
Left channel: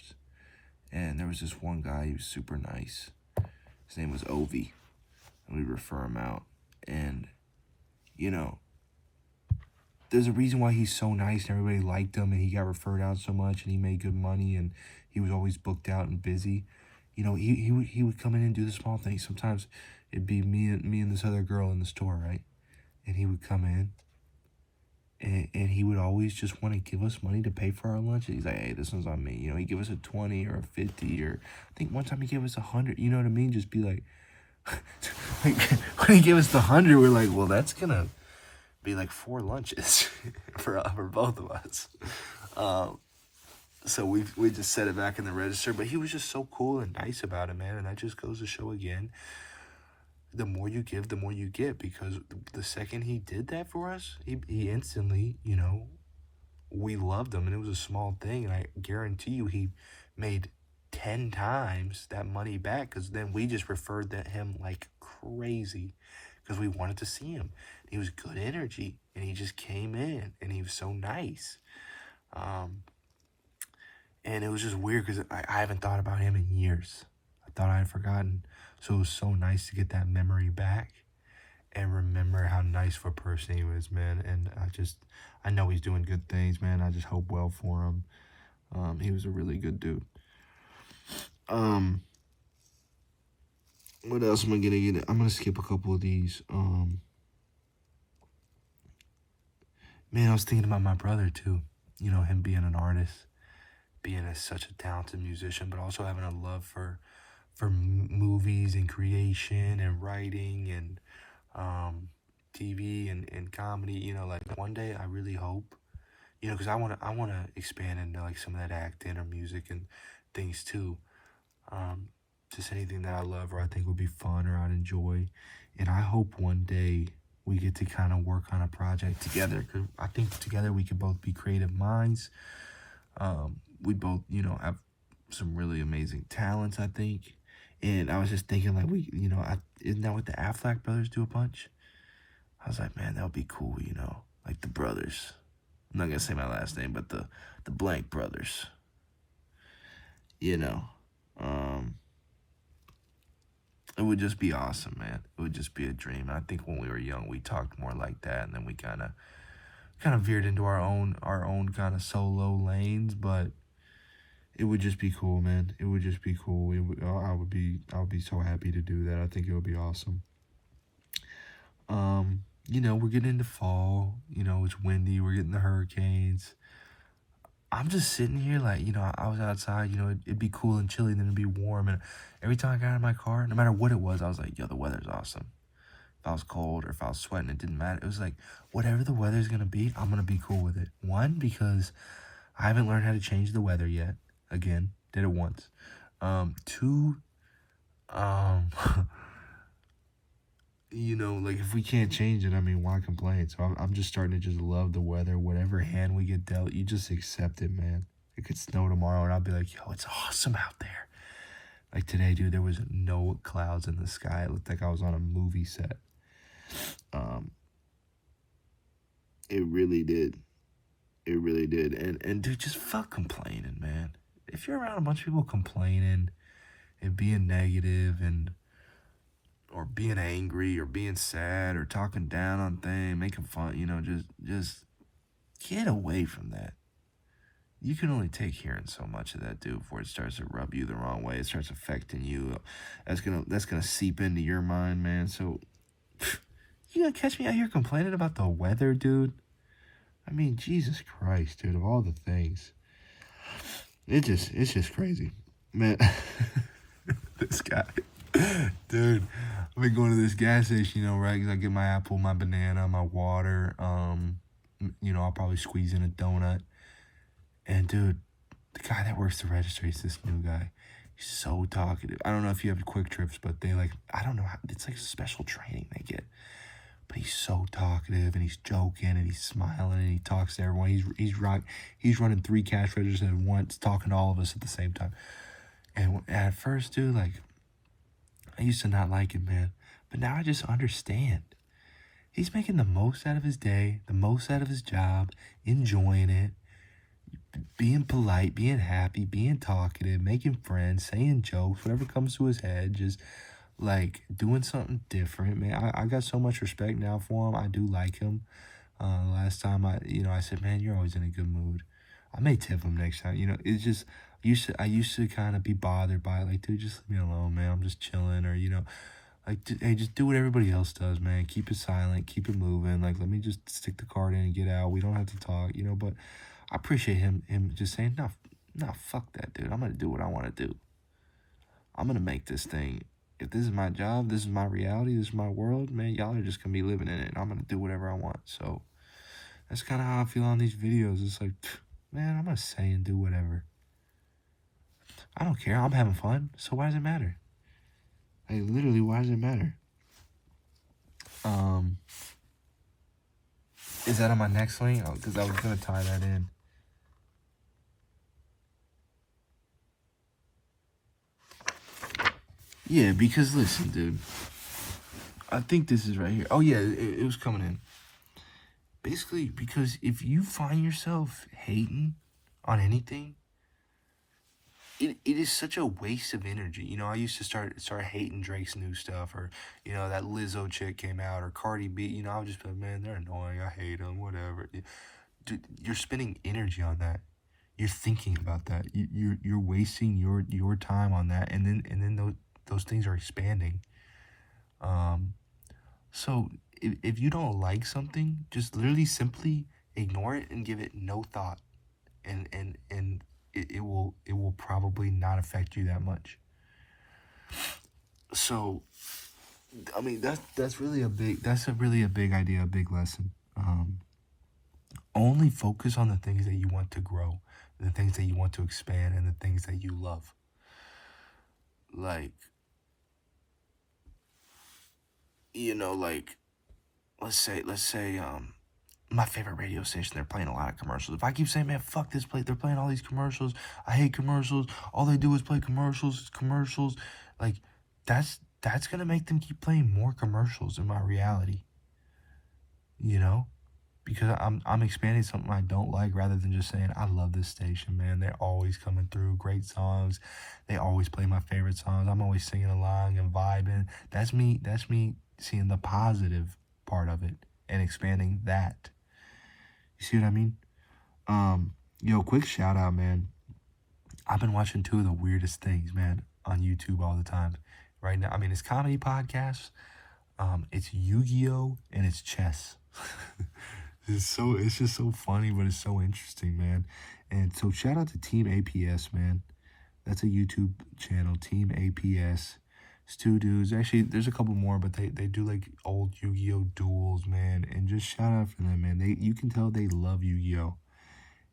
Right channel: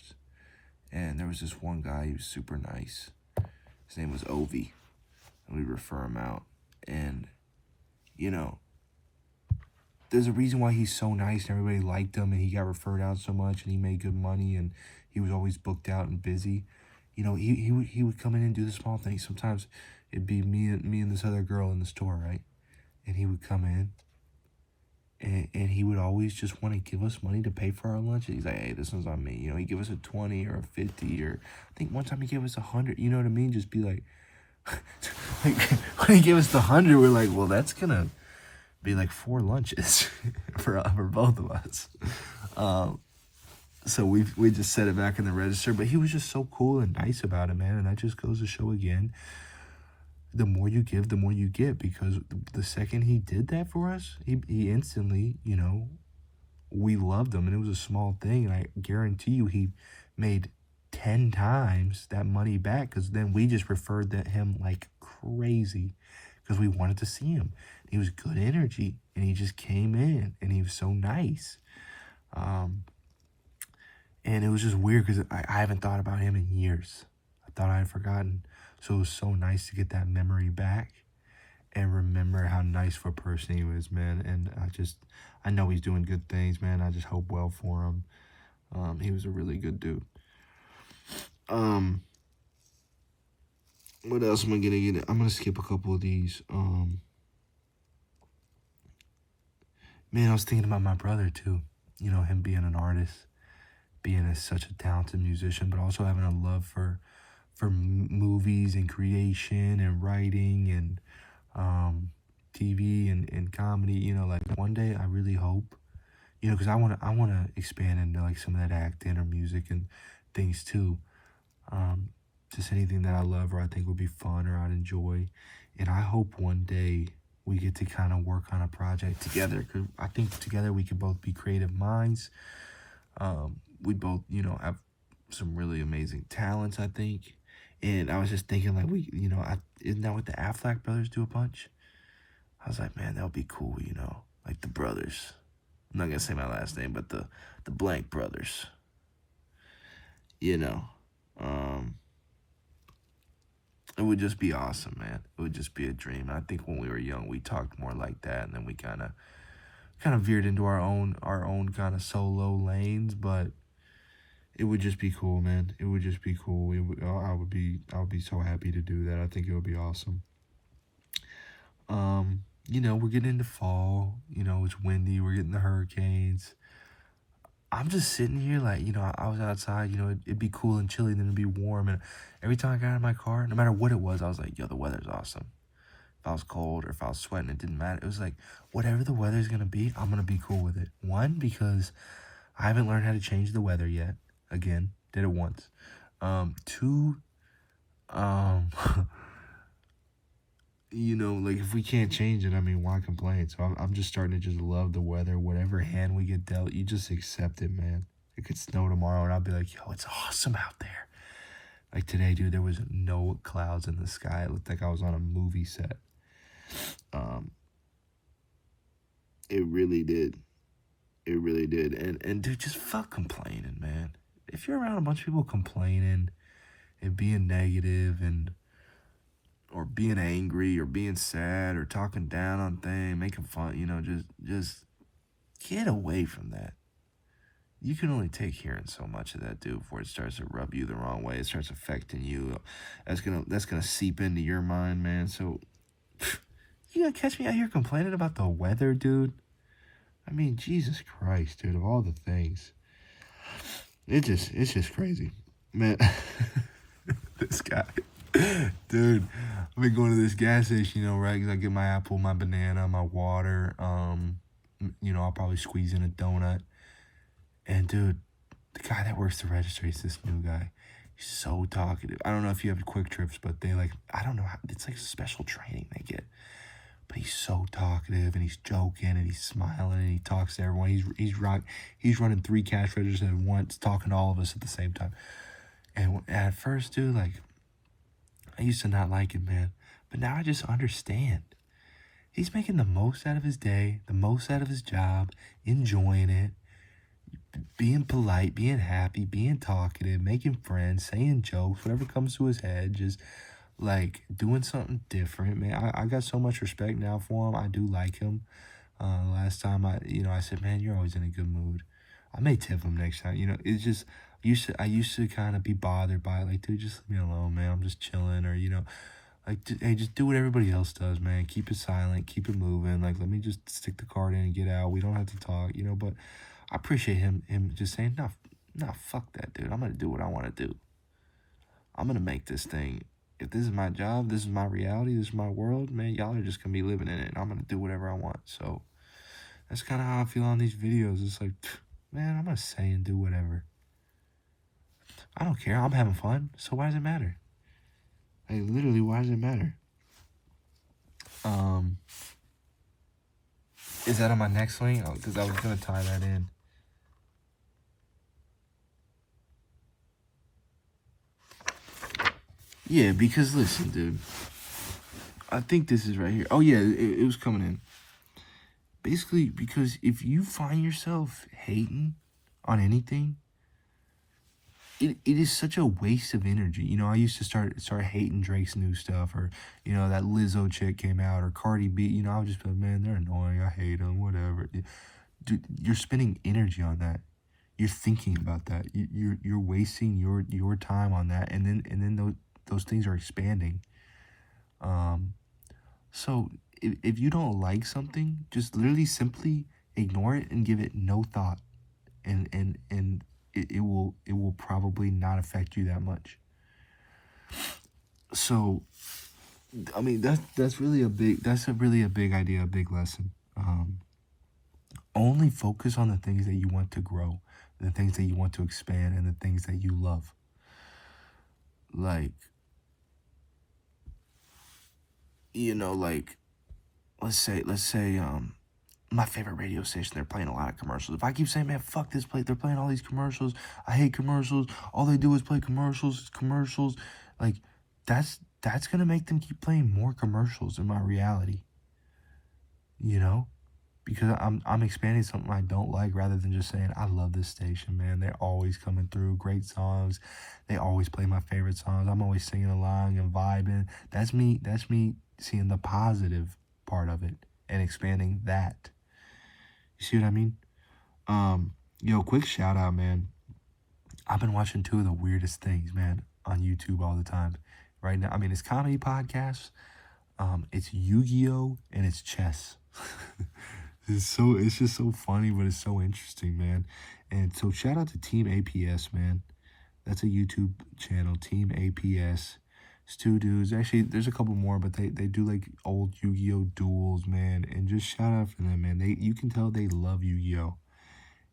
And there was this one guy, he was super nice. His name was Ovi, and we refer him out. And, there's a reason why he's so nice and everybody liked him and he got referred out so much and he made good money and he was always booked out and busy. He would come in and do the small things. Sometimes it'd be me and this other girl in the store, right? And he would come in and he would always just want to give us money to pay for our lunch. He's like, hey, this one's on me. He'd give us a 20 or a 50 or I think one time he gave us 100. You know what I mean? Just be like, when he gave us the 100, we're like, well, that's going to be like 4 lunches for both of us. So we just set it back in the register, but he was just so cool and nice about it, man. And that just goes to show again, the more you give, the more you get, because the second he did that for us, he instantly, we loved him, and it was a small thing. And I guarantee you he made 10 times that money back, because then we just referred him like crazy because we wanted to see him. He was good energy, and he just came in, and he was so nice. And it was just weird because I haven't thought about him in years. I thought I had forgotten. So it was so nice to get that memory back and remember how nice of a person he was, man. And I know he's doing good things, man. I just hope well for him. He was a really good dude. What else am I gonna get? I'm gonna skip a couple of these. Man, I was thinking about my brother too. Him being an artist, being such a talented musician, but also having a love for movies and creation and writing and TV and comedy. Like one day I really hope, because I wanna expand into like some of that acting or music and things too. Just anything that I love or I think would be fun or I'd enjoy. And I hope one day we get to kind of work on a project together, because I think together we can both be creative minds. We both, have some really amazing talents, I think. And I was just thinking, like, isn't that what the Affleck brothers do a bunch? I was like, man, that would be cool, like the brothers. I'm not gonna say my last name, but the blank brothers. It would just be awesome, man. It would just be a dream. I think when we were young, we talked more like that, and then we kind of veered into our own kind of solo lanes. But it would just be cool, man. It would just be cool. I would be so happy to do that. I think it would be awesome. We're getting into fall. It's windy. We're getting the hurricanes. I'm just sitting here like, I was outside, it'd be cool and chilly, then it'd be warm. And every time I got out of my car, no matter what it was, I was like, yo, the weather's awesome. If I was cold or if I was sweating, it didn't matter. It was like, whatever the weather's going to be, I'm going to be cool with it. One, because I haven't learned how to change the weather yet. Again, did it once. Two, like if we can't change it, I mean, why complain? So I'm just starting to just love the weather. Whatever hand we get dealt, you just accept it, man. It could snow tomorrow, and I'll be like, yo, it's awesome out there. Like today, dude, there was no clouds in the sky. It looked like I was on a movie set. Um, it really did. It really did. And dude, just fuck complaining, man. If you're around a bunch of people complaining and being negative and or being angry or being sad or talking down on things, making fun, just get away from that. You can only take hearing so much of that, dude, before it starts to rub you the wrong way. It starts affecting you. That's gonna seep into your mind, man. So you gonna catch me out here complaining about the weather, dude? I mean, Jesus Christ, dude, of all the things. It's just crazy. Man, this guy. Dude, I've been going to this gas station, right? 'Cause I get my apple, my banana, my water. I'll probably squeeze in a donut. And dude, the guy that works the registry, this new guy, he's so talkative. I don't know if you have quick trips, but I don't know how, it's like special training they get. But he's so talkative, and he's joking, and he's smiling, and he talks to everyone. He's running 3 cash registers at once, talking to all of us at the same time. And at first, dude, I used to not like it, man. But now I just understand. He's making the most out of his day, the most out of his job, enjoying it, being polite, being happy, being talkative, making friends, saying jokes, whatever comes to his head, just doing something different, man. I got so much respect now for him. I do like him. Last time I said, man, you're always in a good mood. I may tip him next time. It's just I used to kind of be bothered by it, dude, just leave me alone, man. I'm just chilling, or hey, just do what everybody else does, man. Keep it silent, keep it moving. Let me just stick the card in and get out. We don't have to talk, But I appreciate him just saying, no, fuck that, dude. I'm gonna do what I want to do. I'm gonna make this thing. If this is my job, this is my reality, this is my world, man, y'all are just gonna be living in it, and I'm gonna do whatever I want. So that's kind of how I feel on these videos. It's man, I'm gonna say and do whatever. I don't care. I'm having fun, so why does it matter? Literally, why does it matter? Is that on my next link? Because I was gonna tie that in. Yeah, because listen, dude. I think this is right here. Oh, yeah, it was coming in. Basically, because if you find yourself hating on anything, it is such a waste of energy. I used to start hating Drake's new stuff, or, that Lizzo chick came out, or Cardi B. I would just be like, man, they're annoying. I hate them, whatever. Dude, you're spending energy on that. You're thinking about that. You're wasting your time on that, and then those things are expanding. So if you don't like something, just literally simply ignore it and give it no thought, and it will probably not affect you that much. So, I mean, that's really a big idea, a big lesson. Only focus on the things that you want to grow, the things that you want to expand, and the things that you love. Let's say my favorite radio station, they're playing a lot of commercials. If I keep saying, man, fuck this place, they're playing all these commercials, I hate commercials, all they do is play commercials, that's gonna make them keep playing more commercials in my reality. Because I'm expanding something I don't like, rather than just saying, I love this station, man. They're always coming through, great songs. They always play my favorite songs. I'm always singing along and vibing. That's me seeing the positive part of it and expanding that. You see what I mean? Quick shout out, man. I've been watching 2 of the weirdest things, man, on YouTube all the time. Right now, I mean, it's comedy podcasts. It's Yu-Gi-Oh! And it's chess. It's just so funny, but it's so interesting, man. And so shout out to Team APS, man. That's a YouTube channel, Team APS. It's 2 dudes. Actually, there's a couple more, but they do old Yu-Gi-Oh! Duels, man. And just shout out for them, man. You can tell they love Yu-Gi-Oh!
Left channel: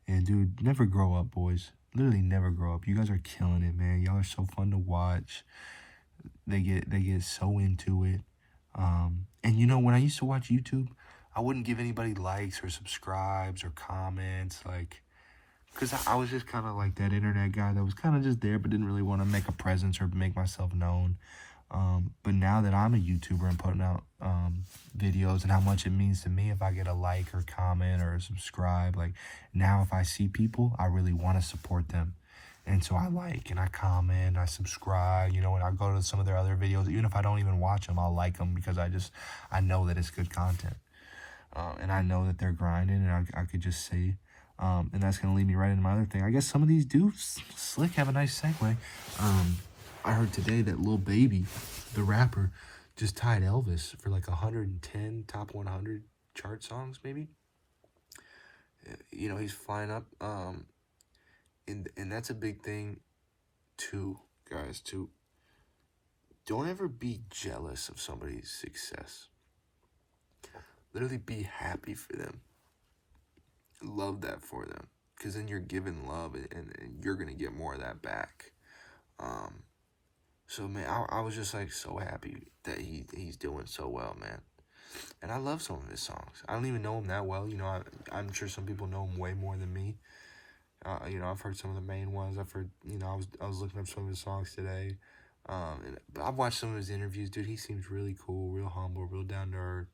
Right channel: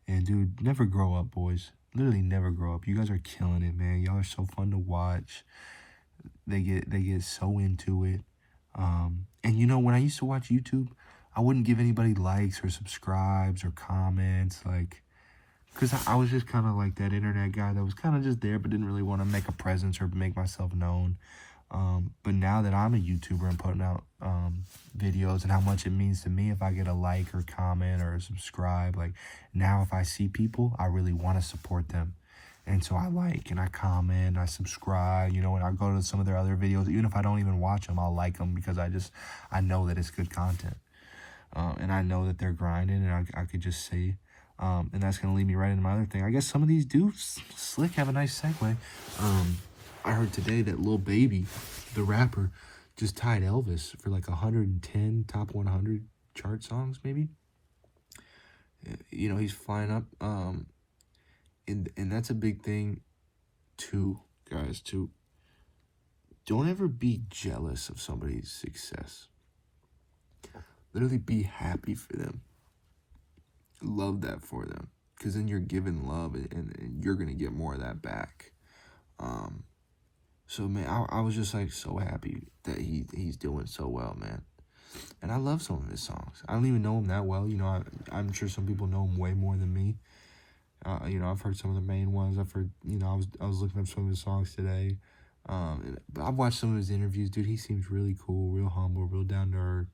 And dude, never grow up, boys. Literally never grow up. You guys are killing it, man. Y'all are so fun to watch. They get so into it. And when I used to watch YouTube, I wouldn't give anybody likes or subscribes or comments, because I was just kind of like that internet guy that was kind of just there, but didn't really want to make a presence or make myself known. But now that I'm a YouTuber and putting out videos and how much it means to me if I get a like or comment or subscribe, like now if I see people, I really want to support them. And so I like and I comment, I subscribe, you know, and I go to some of their other videos. Even if I don't even watch them, I'll like them because I know that it's good content. And I know that they're grinding, and I could just see. And that's going to lead me right into my other thing. I guess some of these dudes, slick, have a nice segue. I heard today that Lil Baby, the rapper, just tied Elvis for like 110 top 100 chart songs, maybe. You know, he's flying up. And that's a big thing, too, guys, too. Don't ever be jealous of somebody's success. Literally be happy for them. Love that for them. Because then you're giving love and you're going to get more of that back. So, man, I was just, like, so happy that he's doing so well, man. And I love some of his songs. I don't even know him that well. You know, I'm sure some people know him way more than me. You know, I've heard some of the main ones. I've heard, you know, I was looking up some of his songs today. But I've watched some of his interviews. Dude, he seems really cool, real humble, real down to earth.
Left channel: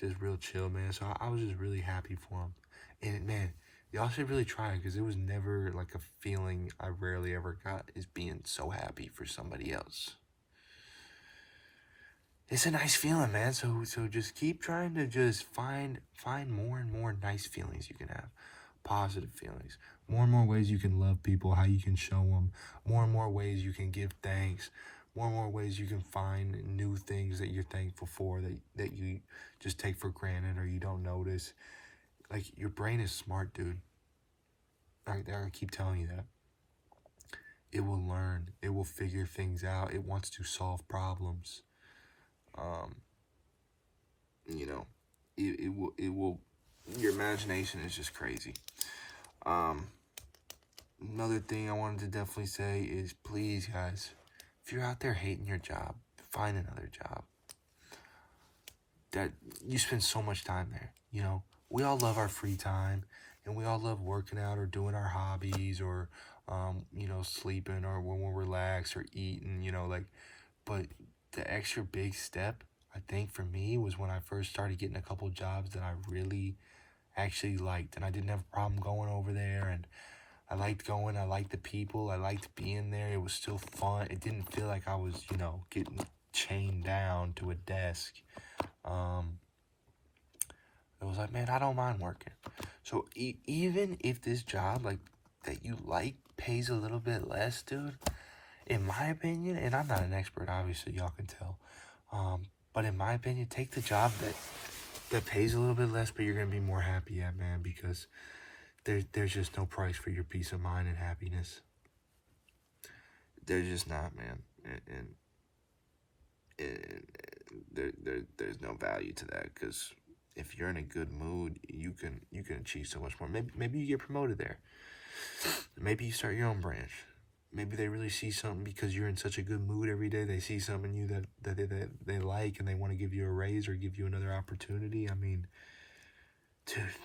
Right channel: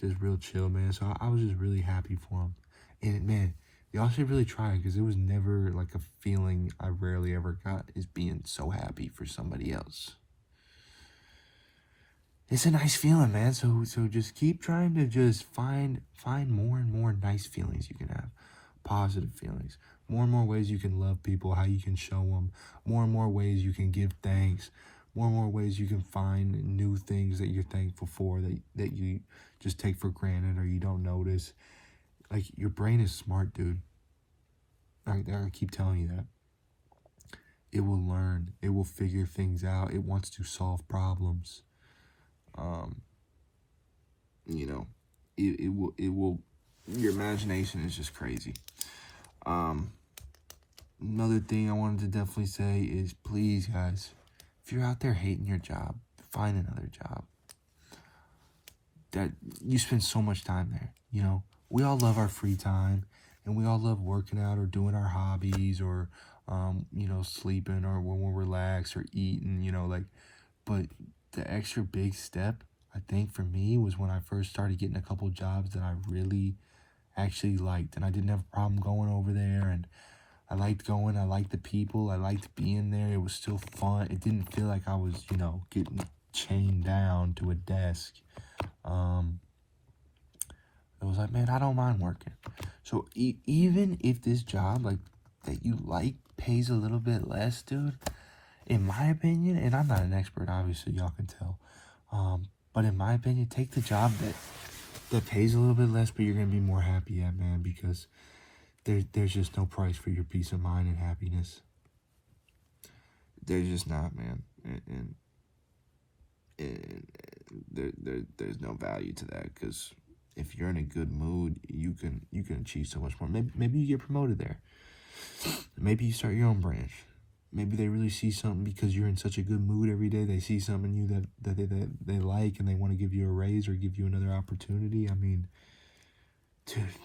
Just real chill, man. So I was just really happy for him. And, man, y'all should really try it because it was never, like, a feeling I rarely ever got is being so happy for somebody else. It's a nice feeling, man. So just keep trying to just find more and more nice feelings you can have. Positive feelings. More and more ways you can love people, how you can show them. More and more ways you can give thanks. More and more ways you can find new things that you're thankful for that you just take for granted or you don't notice. Like, your brain is smart, dude. I keep telling you that. It will learn. It will figure things out. It wants to solve problems. You know, it will, your imagination is just crazy. Another thing I wanted to definitely say is, please, guys, if you're out there hating your job, find another job. That you spend so much time there, you know. We all love our free time, and we all love working out or doing our hobbies or, you know, sleeping or when we're relaxed or eating, you know, like, but the extra big step, I think, for me was when I first started getting a couple jobs that I really actually liked, and I didn't have a problem going over there, and I liked going, I liked the people, I liked being there. It was still fun. It didn't feel like I was, you know, getting chained down to a desk. It was like, man, I don't mind working. So even if this job, like, that you like pays a little bit less, dude, in my opinion, and I'm not an expert, obviously, y'all can tell, but in my opinion, take the job that pays a little bit less, but you're going to be more happy at, man, because there's just no price for your peace of mind and happiness. There's just not, man. And there's no value to that, because if you're in a good mood, you can achieve so much more. Maybe you get promoted there. Maybe you start your own branch. Maybe they really see something because you're in such a good mood every day. They see something in you that they like, and they want to give you a raise or give you another opportunity. I mean, dude,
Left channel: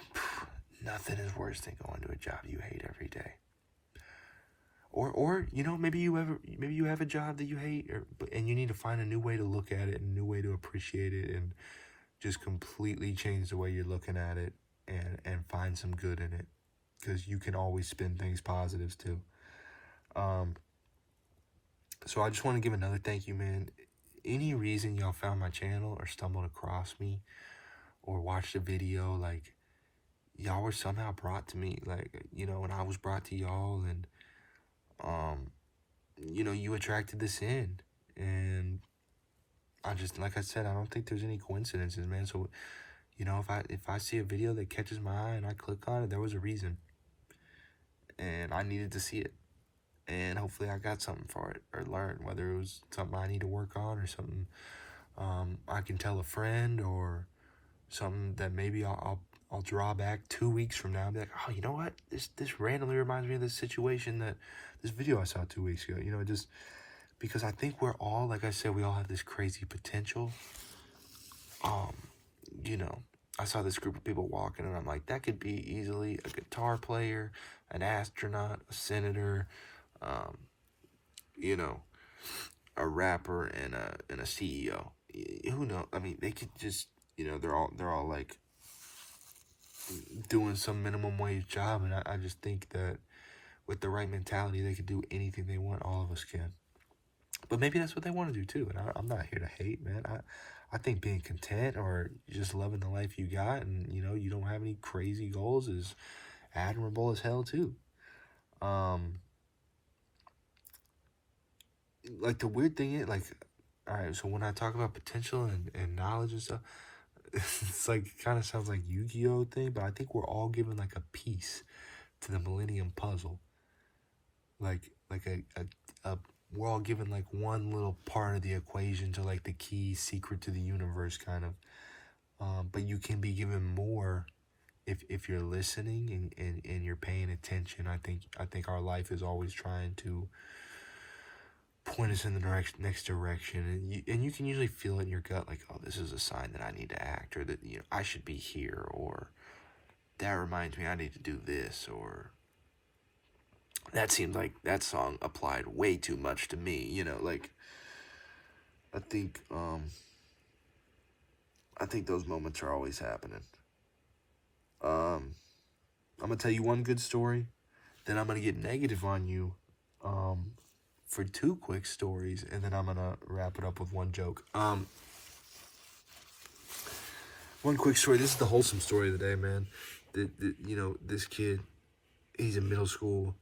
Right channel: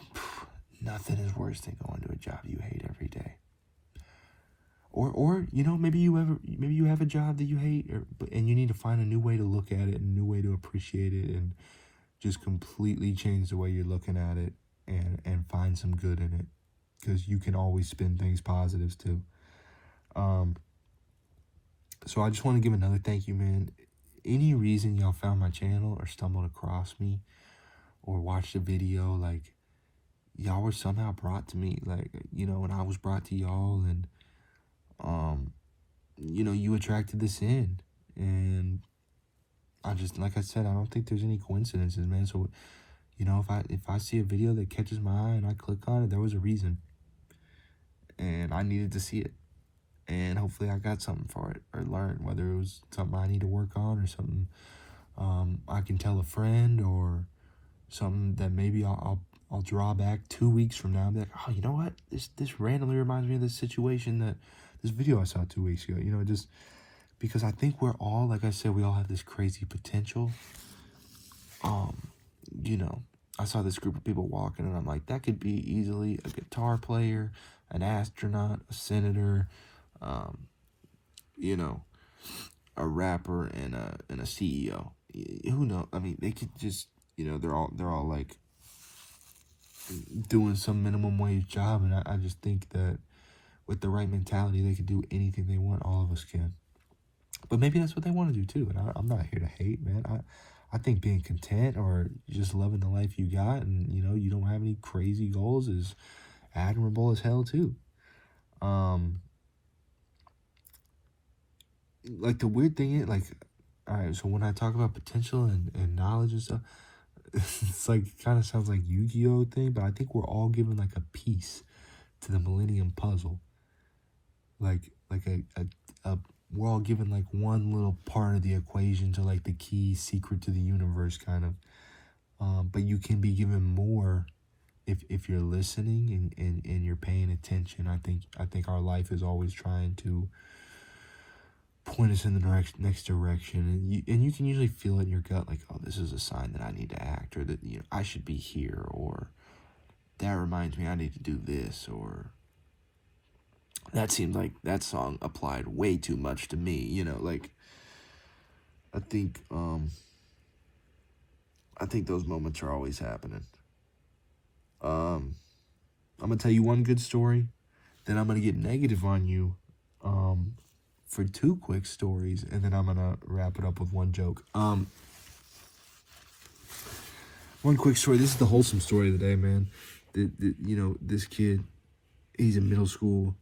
nothing is worse than going to a job you hate every day. Or you know, maybe you have a job that you hate, and you need to find a new way to look at it, and a new way to appreciate it, and just completely change the way you're looking at it, and find some good in it, because you can always spin things positives too. So I just want to give another thank you, man. Any reason y'all found my channel or stumbled across me or watched a video, like, y'all were somehow brought to me, like, you know, and I was brought to y'all, and you know, you attracted this in, and I just, like I said, I don't think there's any coincidences, man. So, you know, if I see a video that catches my eye and I click on it, there was a reason, and I needed to see it, and hopefully I got something for it or learned, whether it was something I need to work on or something I can tell a friend, or something that maybe I'll draw back 2 weeks from now and be like, oh, you know what? This randomly reminds me of this situation, this video I saw 2 weeks ago. You know, just because I think we're all, like I said, we all have this crazy potential. You know, I saw this group of people walking, and I'm like, that could be easily a guitar player, an astronaut, a senator, you know, a rapper and a CEO. Who knows? I mean, they could just, they're all like doing some minimum wage job, and I just think that with the right mentality, they could do anything they want. All of us can. But maybe that's what they want to do too. And I'm not here to hate, man. I think being content or just loving the life you got, and you don't have any crazy goals, is admirable as hell too. Like the weird thing is, like, all right, so when I talk about potential and knowledge and stuff, it's like, it kind of sounds like Yu-Gi-Oh thing, but I think we're all given like a piece to the Millennium Puzzle. Like a we're all given like one little part of the equation to like the key secret to the universe, kind of. But you can be given more if you're listening and you're paying attention. I think our life is always trying to point us in the next direction, and you can usually feel it in your gut, like, oh, this is a sign that I need to act, or that I should be here, or that reminds me I need to do this, or that seemed like that song applied way too much to me. Like, I think those moments are always happening. I'm gonna tell you one good story, then I'm gonna get negative on you for two quick stories, and then I'm gonna wrap it up with one joke. One quick story. This is the wholesome story of the day, man. This kid, he's in middle school,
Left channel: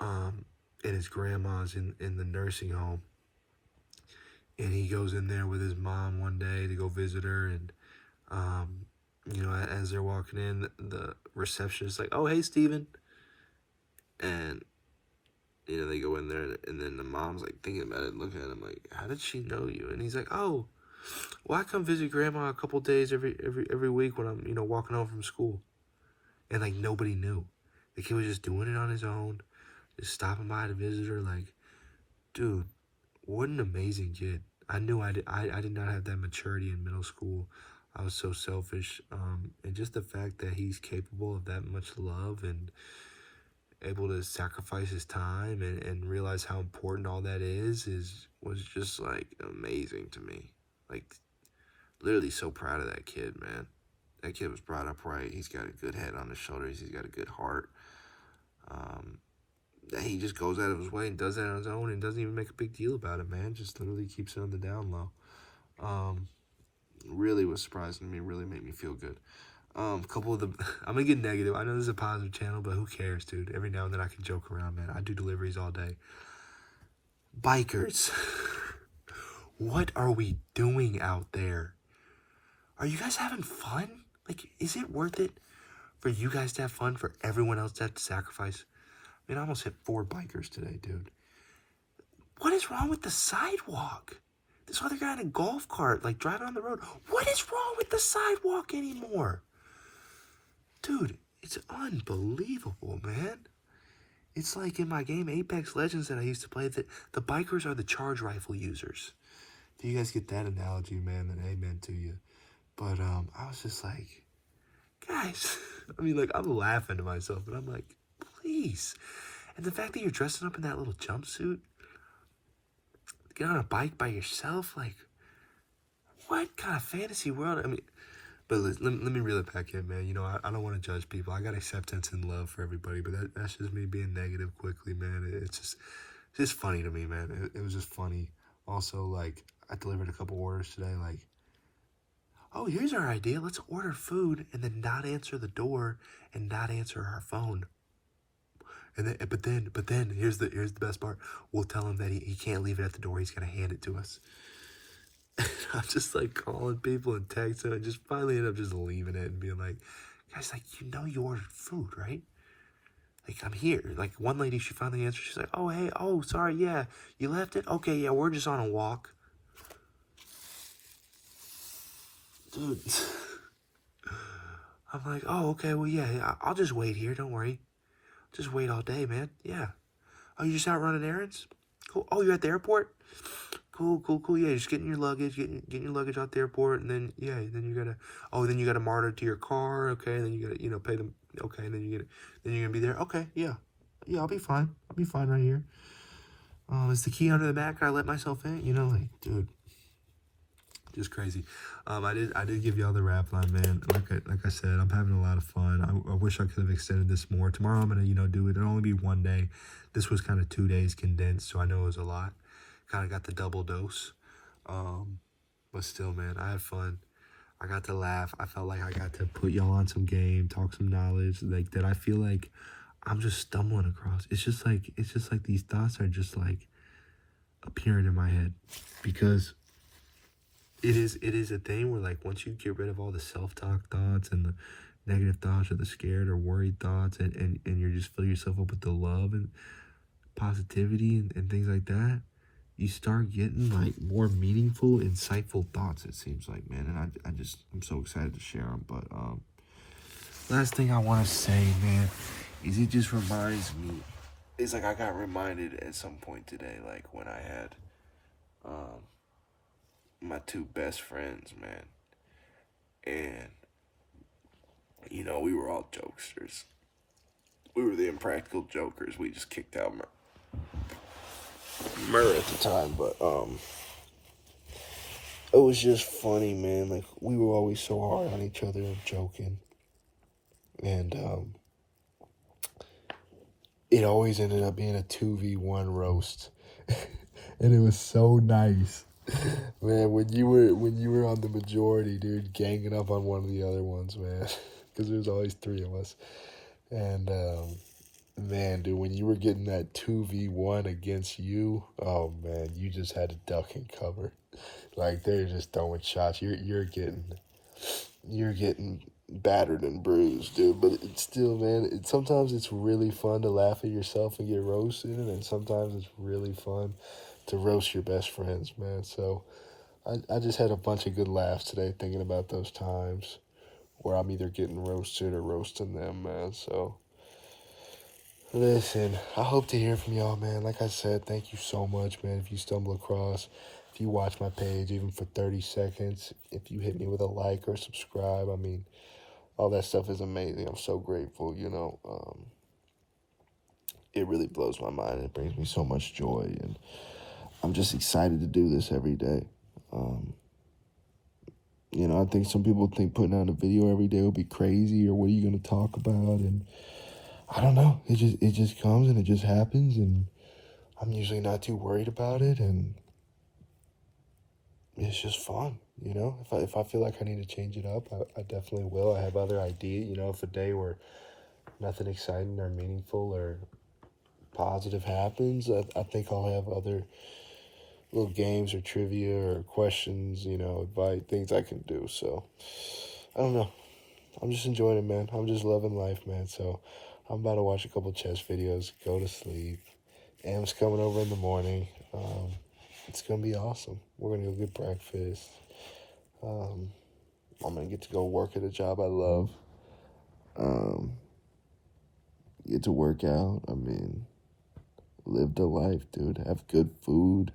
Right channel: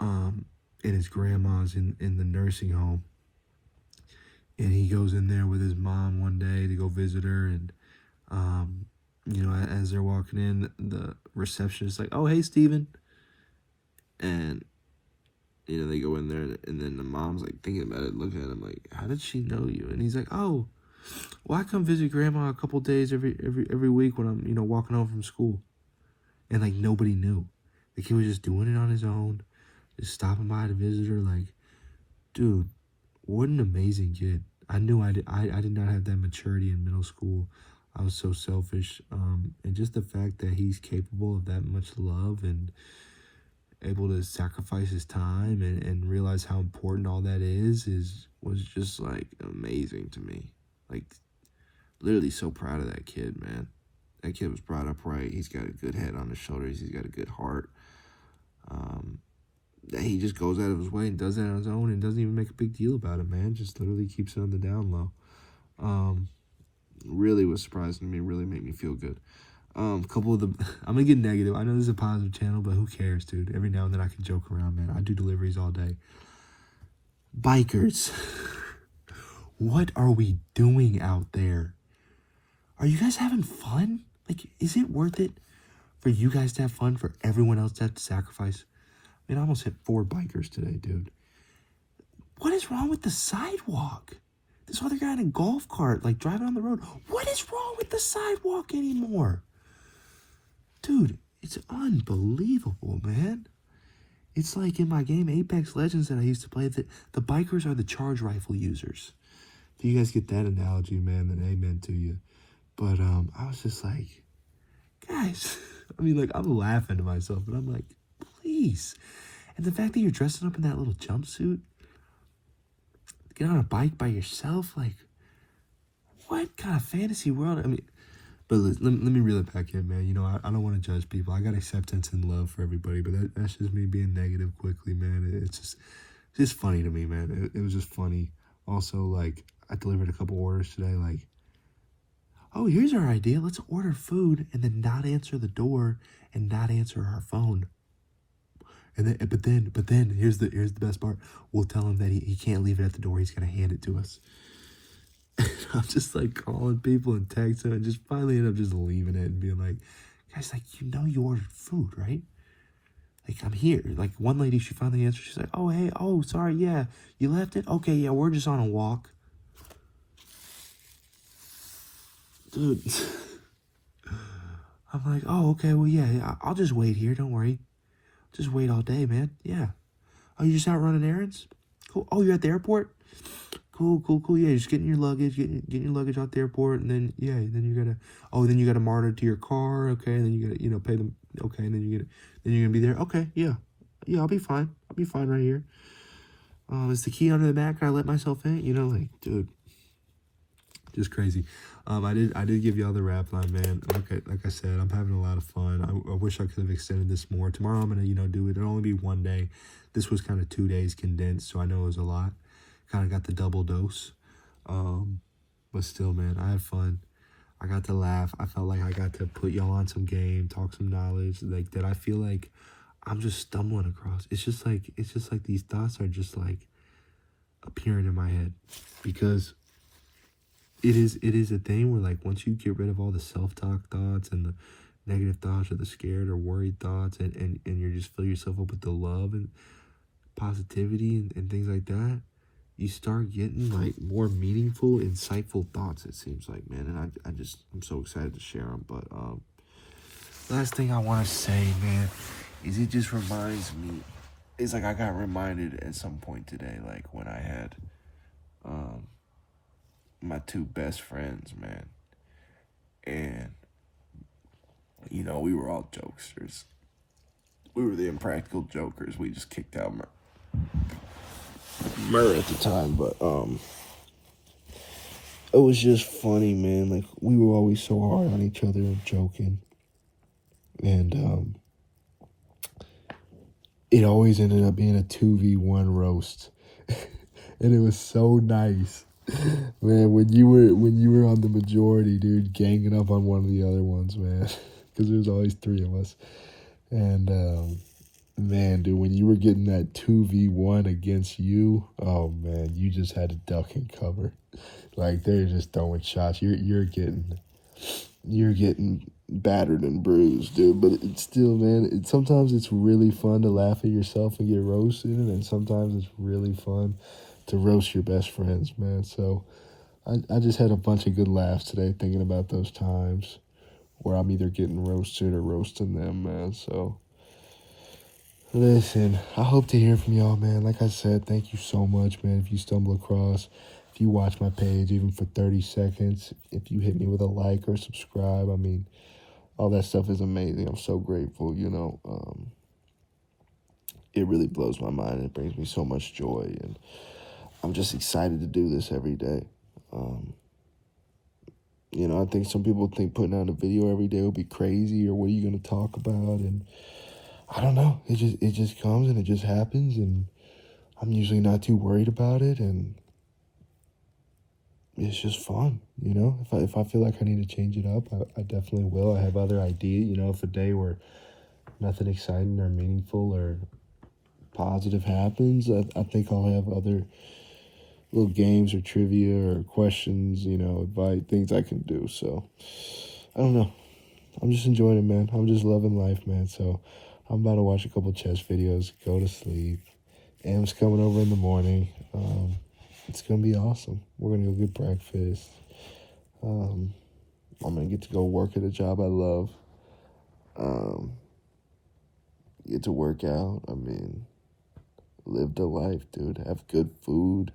and his grandma's in the nursing home, and he goes in there with his mom one day to go visit her, and as they're walking in, the receptionist's like, "Oh, hey, Steven," and they go in there, and then the mom's like thinking about it, looking at him like, "How did she know you?" And he's like, "Oh, well, I come visit grandma a couple days every week when I'm walking home from school." And like nobody knew. The kid was just doing it on his own, just stopping by to visit her. Like, dude, what an amazing kid. I knew I did not have that maturity in middle school. I was so selfish, and just the fact that he's capable of that much love and able to sacrifice his time and realize how important all that was just like amazing to me. Like, literally so proud of that kid, man. That kid was brought up right. He's got a good head on his shoulders. He's got a good heart. He just goes out of his way and does that on his own and doesn't even make a big deal about it, man. Just literally keeps it on the down low. Really was surprising to me. Really made me feel good. I'm gonna get negative. I know this is a positive channel, but who cares, dude? Every now and then I can joke around, man. I do deliveries all day. Bikers. What are we doing out there? Are you guys having fun? Like, is it worth it for you guys to have fun, for everyone else to have to sacrifice? I mean, I almost hit 4 bikers today, dude. What is wrong with the sidewalk? This other guy in a golf cart, like, driving on the road. What is wrong with the sidewalk anymore? Dude, it's unbelievable, man. It's like in my game Apex Legends that I used to play, that the bikers are the charge rifle users. If you guys get that analogy, man, then amen to you. But I was just like, guys, I mean, like, I'm laughing to myself, but I'm like, please. And the fact that you're dressing up in that little jumpsuit, get on a bike by yourself, like, what kind of fantasy world? I mean, but let me reel it back in, man. I don't want to judge people. I got acceptance and love for everybody, but that's just me being negative quickly, man. It's just funny to me, man. It was just funny. Also, like, I delivered a couple orders today, like, oh, here's our idea. Let's order food and then not answer the door and not answer our phone. And then, but then here's the best part. We'll tell him that he can't leave it at the door. He's gonna hand it to us. And I'm just like calling people and texting. I just finally end up just leaving it and being like, guys, like, you ordered food, right? Like, I'm here. Like, one lady, she finally answered. She's like, oh, hey, oh, sorry, yeah, you left it? Okay, yeah, we're just on a walk. Dude. I'm like, oh, okay, well, yeah, I'll just wait here. Don't worry. Just wait all day, man. Yeah. Oh, you just out running errands? Cool. Oh, you're at the airport? Cool. Yeah, just getting your luggage, getting your luggage out the airport, and then, yeah, then you gotta mark it to your car, okay, and then you gotta, pay them, okay, and then you're gonna be there, okay, yeah, I'll be fine right here. Oh, is the key under the mat? I let myself in? You know, like, dude, just crazy. I did give y'all the rap line, man. Like I said, I'm having a lot of fun. I wish I could have extended this more. Tomorrow I'm gonna, do it. It'll only be one day. This was kind of 2 days condensed, so I know it was a lot. Kind of got the double dose. But still, man, I had fun. I got to laugh. I felt like I got to put y'all on some game, talk some knowledge, like that. I feel like I'm just stumbling across. It's just like these thoughts are just like appearing in my head, because it is a thing where, like, once you get rid of all the self-talk thoughts and the negative thoughts or the scared or worried thoughts, and you just fill yourself up with the love and positivity and things like that, you start getting like more meaningful, insightful thoughts, it seems like, man. And I'm so excited to share them. But last thing I want to say, man, is it just reminds me, it's like I got reminded at some point today, like when I had my two best friends, man. And, we were all jokesters. We were the impractical jokers. We just kicked out Murder at the time, but it was just funny, man. Like, we were always so hard on each other and joking, and it always ended up being a 2v1 roast, and it was so nice, man. When you were on the majority, dude, ganging up on one of the other ones, man, because there's always three of us, and man, dude, when you were getting that 2v1 against you, oh man, you just had to duck and cover. Like, they're just throwing shots. You're getting battered and bruised, dude. But it's still, man, sometimes it's really fun to laugh at yourself and get roasted, and sometimes it's really fun to roast your best friends, man. So I just had a bunch of good laughs today thinking about those times where I'm either getting roasted or roasting them, man. So listen, I hope to hear from y'all, man. Like I said, thank you so much, man. If you stumble across, if you watch my page even for 30 seconds, if you hit me with a like or subscribe, I mean, all that stuff is amazing. I'm so grateful, it really blows my mind. It brings me so much joy, and I'm just excited to do this every day. I think some people think putting out a video every day will be crazy, or what are you going to talk about, and I don't know. It just comes and it just happens, and I'm usually not too worried about it, and it's just fun, If I feel like I need to change it up, I definitely will. I have other ideas, if a day where nothing exciting or meaningful or positive happens, I think I'll have other little games or trivia or questions, advice, things I can do. So, I don't know. I'm just enjoying it, man. I'm just loving life, man. So I'm about to watch a couple chess videos, go to sleep, and it's coming over in the morning. It's gonna be awesome. We're gonna go get breakfast. I'm gonna get to go work at a job I love. Get to work out. I mean, live the life, dude. Have good food.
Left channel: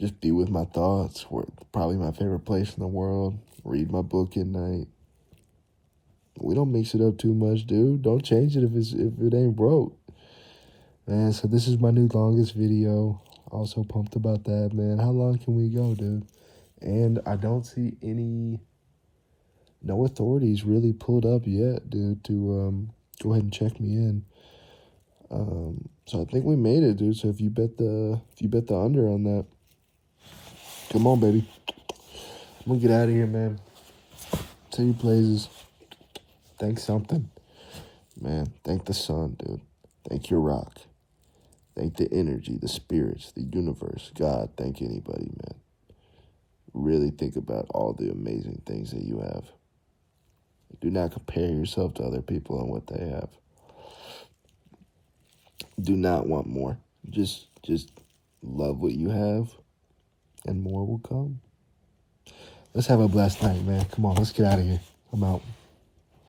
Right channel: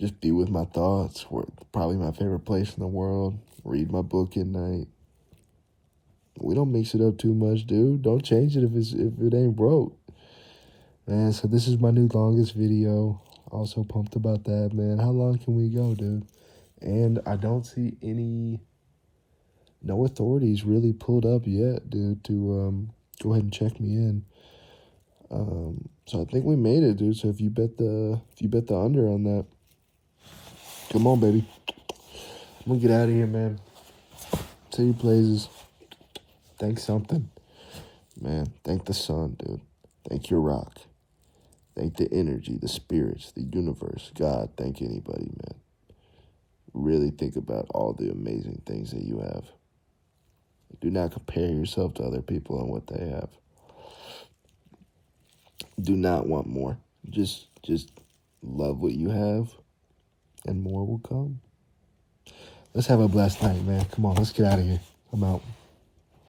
Just be with my thoughts. Work, probably my favorite place in the world. Read my book at night. We don't mix it up too much, dude. Don't change it if it ain't broke. Man, so this is my new longest video. Also pumped about that, man. How long can we go, dude? And I don't see no authorities really pulled up yet, dude, to go ahead and check me in. So I think we made it, dude. So if you bet the under on that, come on, baby. I'm gonna get out of here, man. Tell you places. Thank something. Man, thank the sun, dude. Thank your rock. Thank the energy, the spirits, the universe, God. Thank anybody, man. Really think about all the amazing things that you have. Do not compare yourself to other people and what they have. Do not want more. Just love what you have, and more will come. Let's have a blessed night, man. Come on, let's get out of here. I'm out.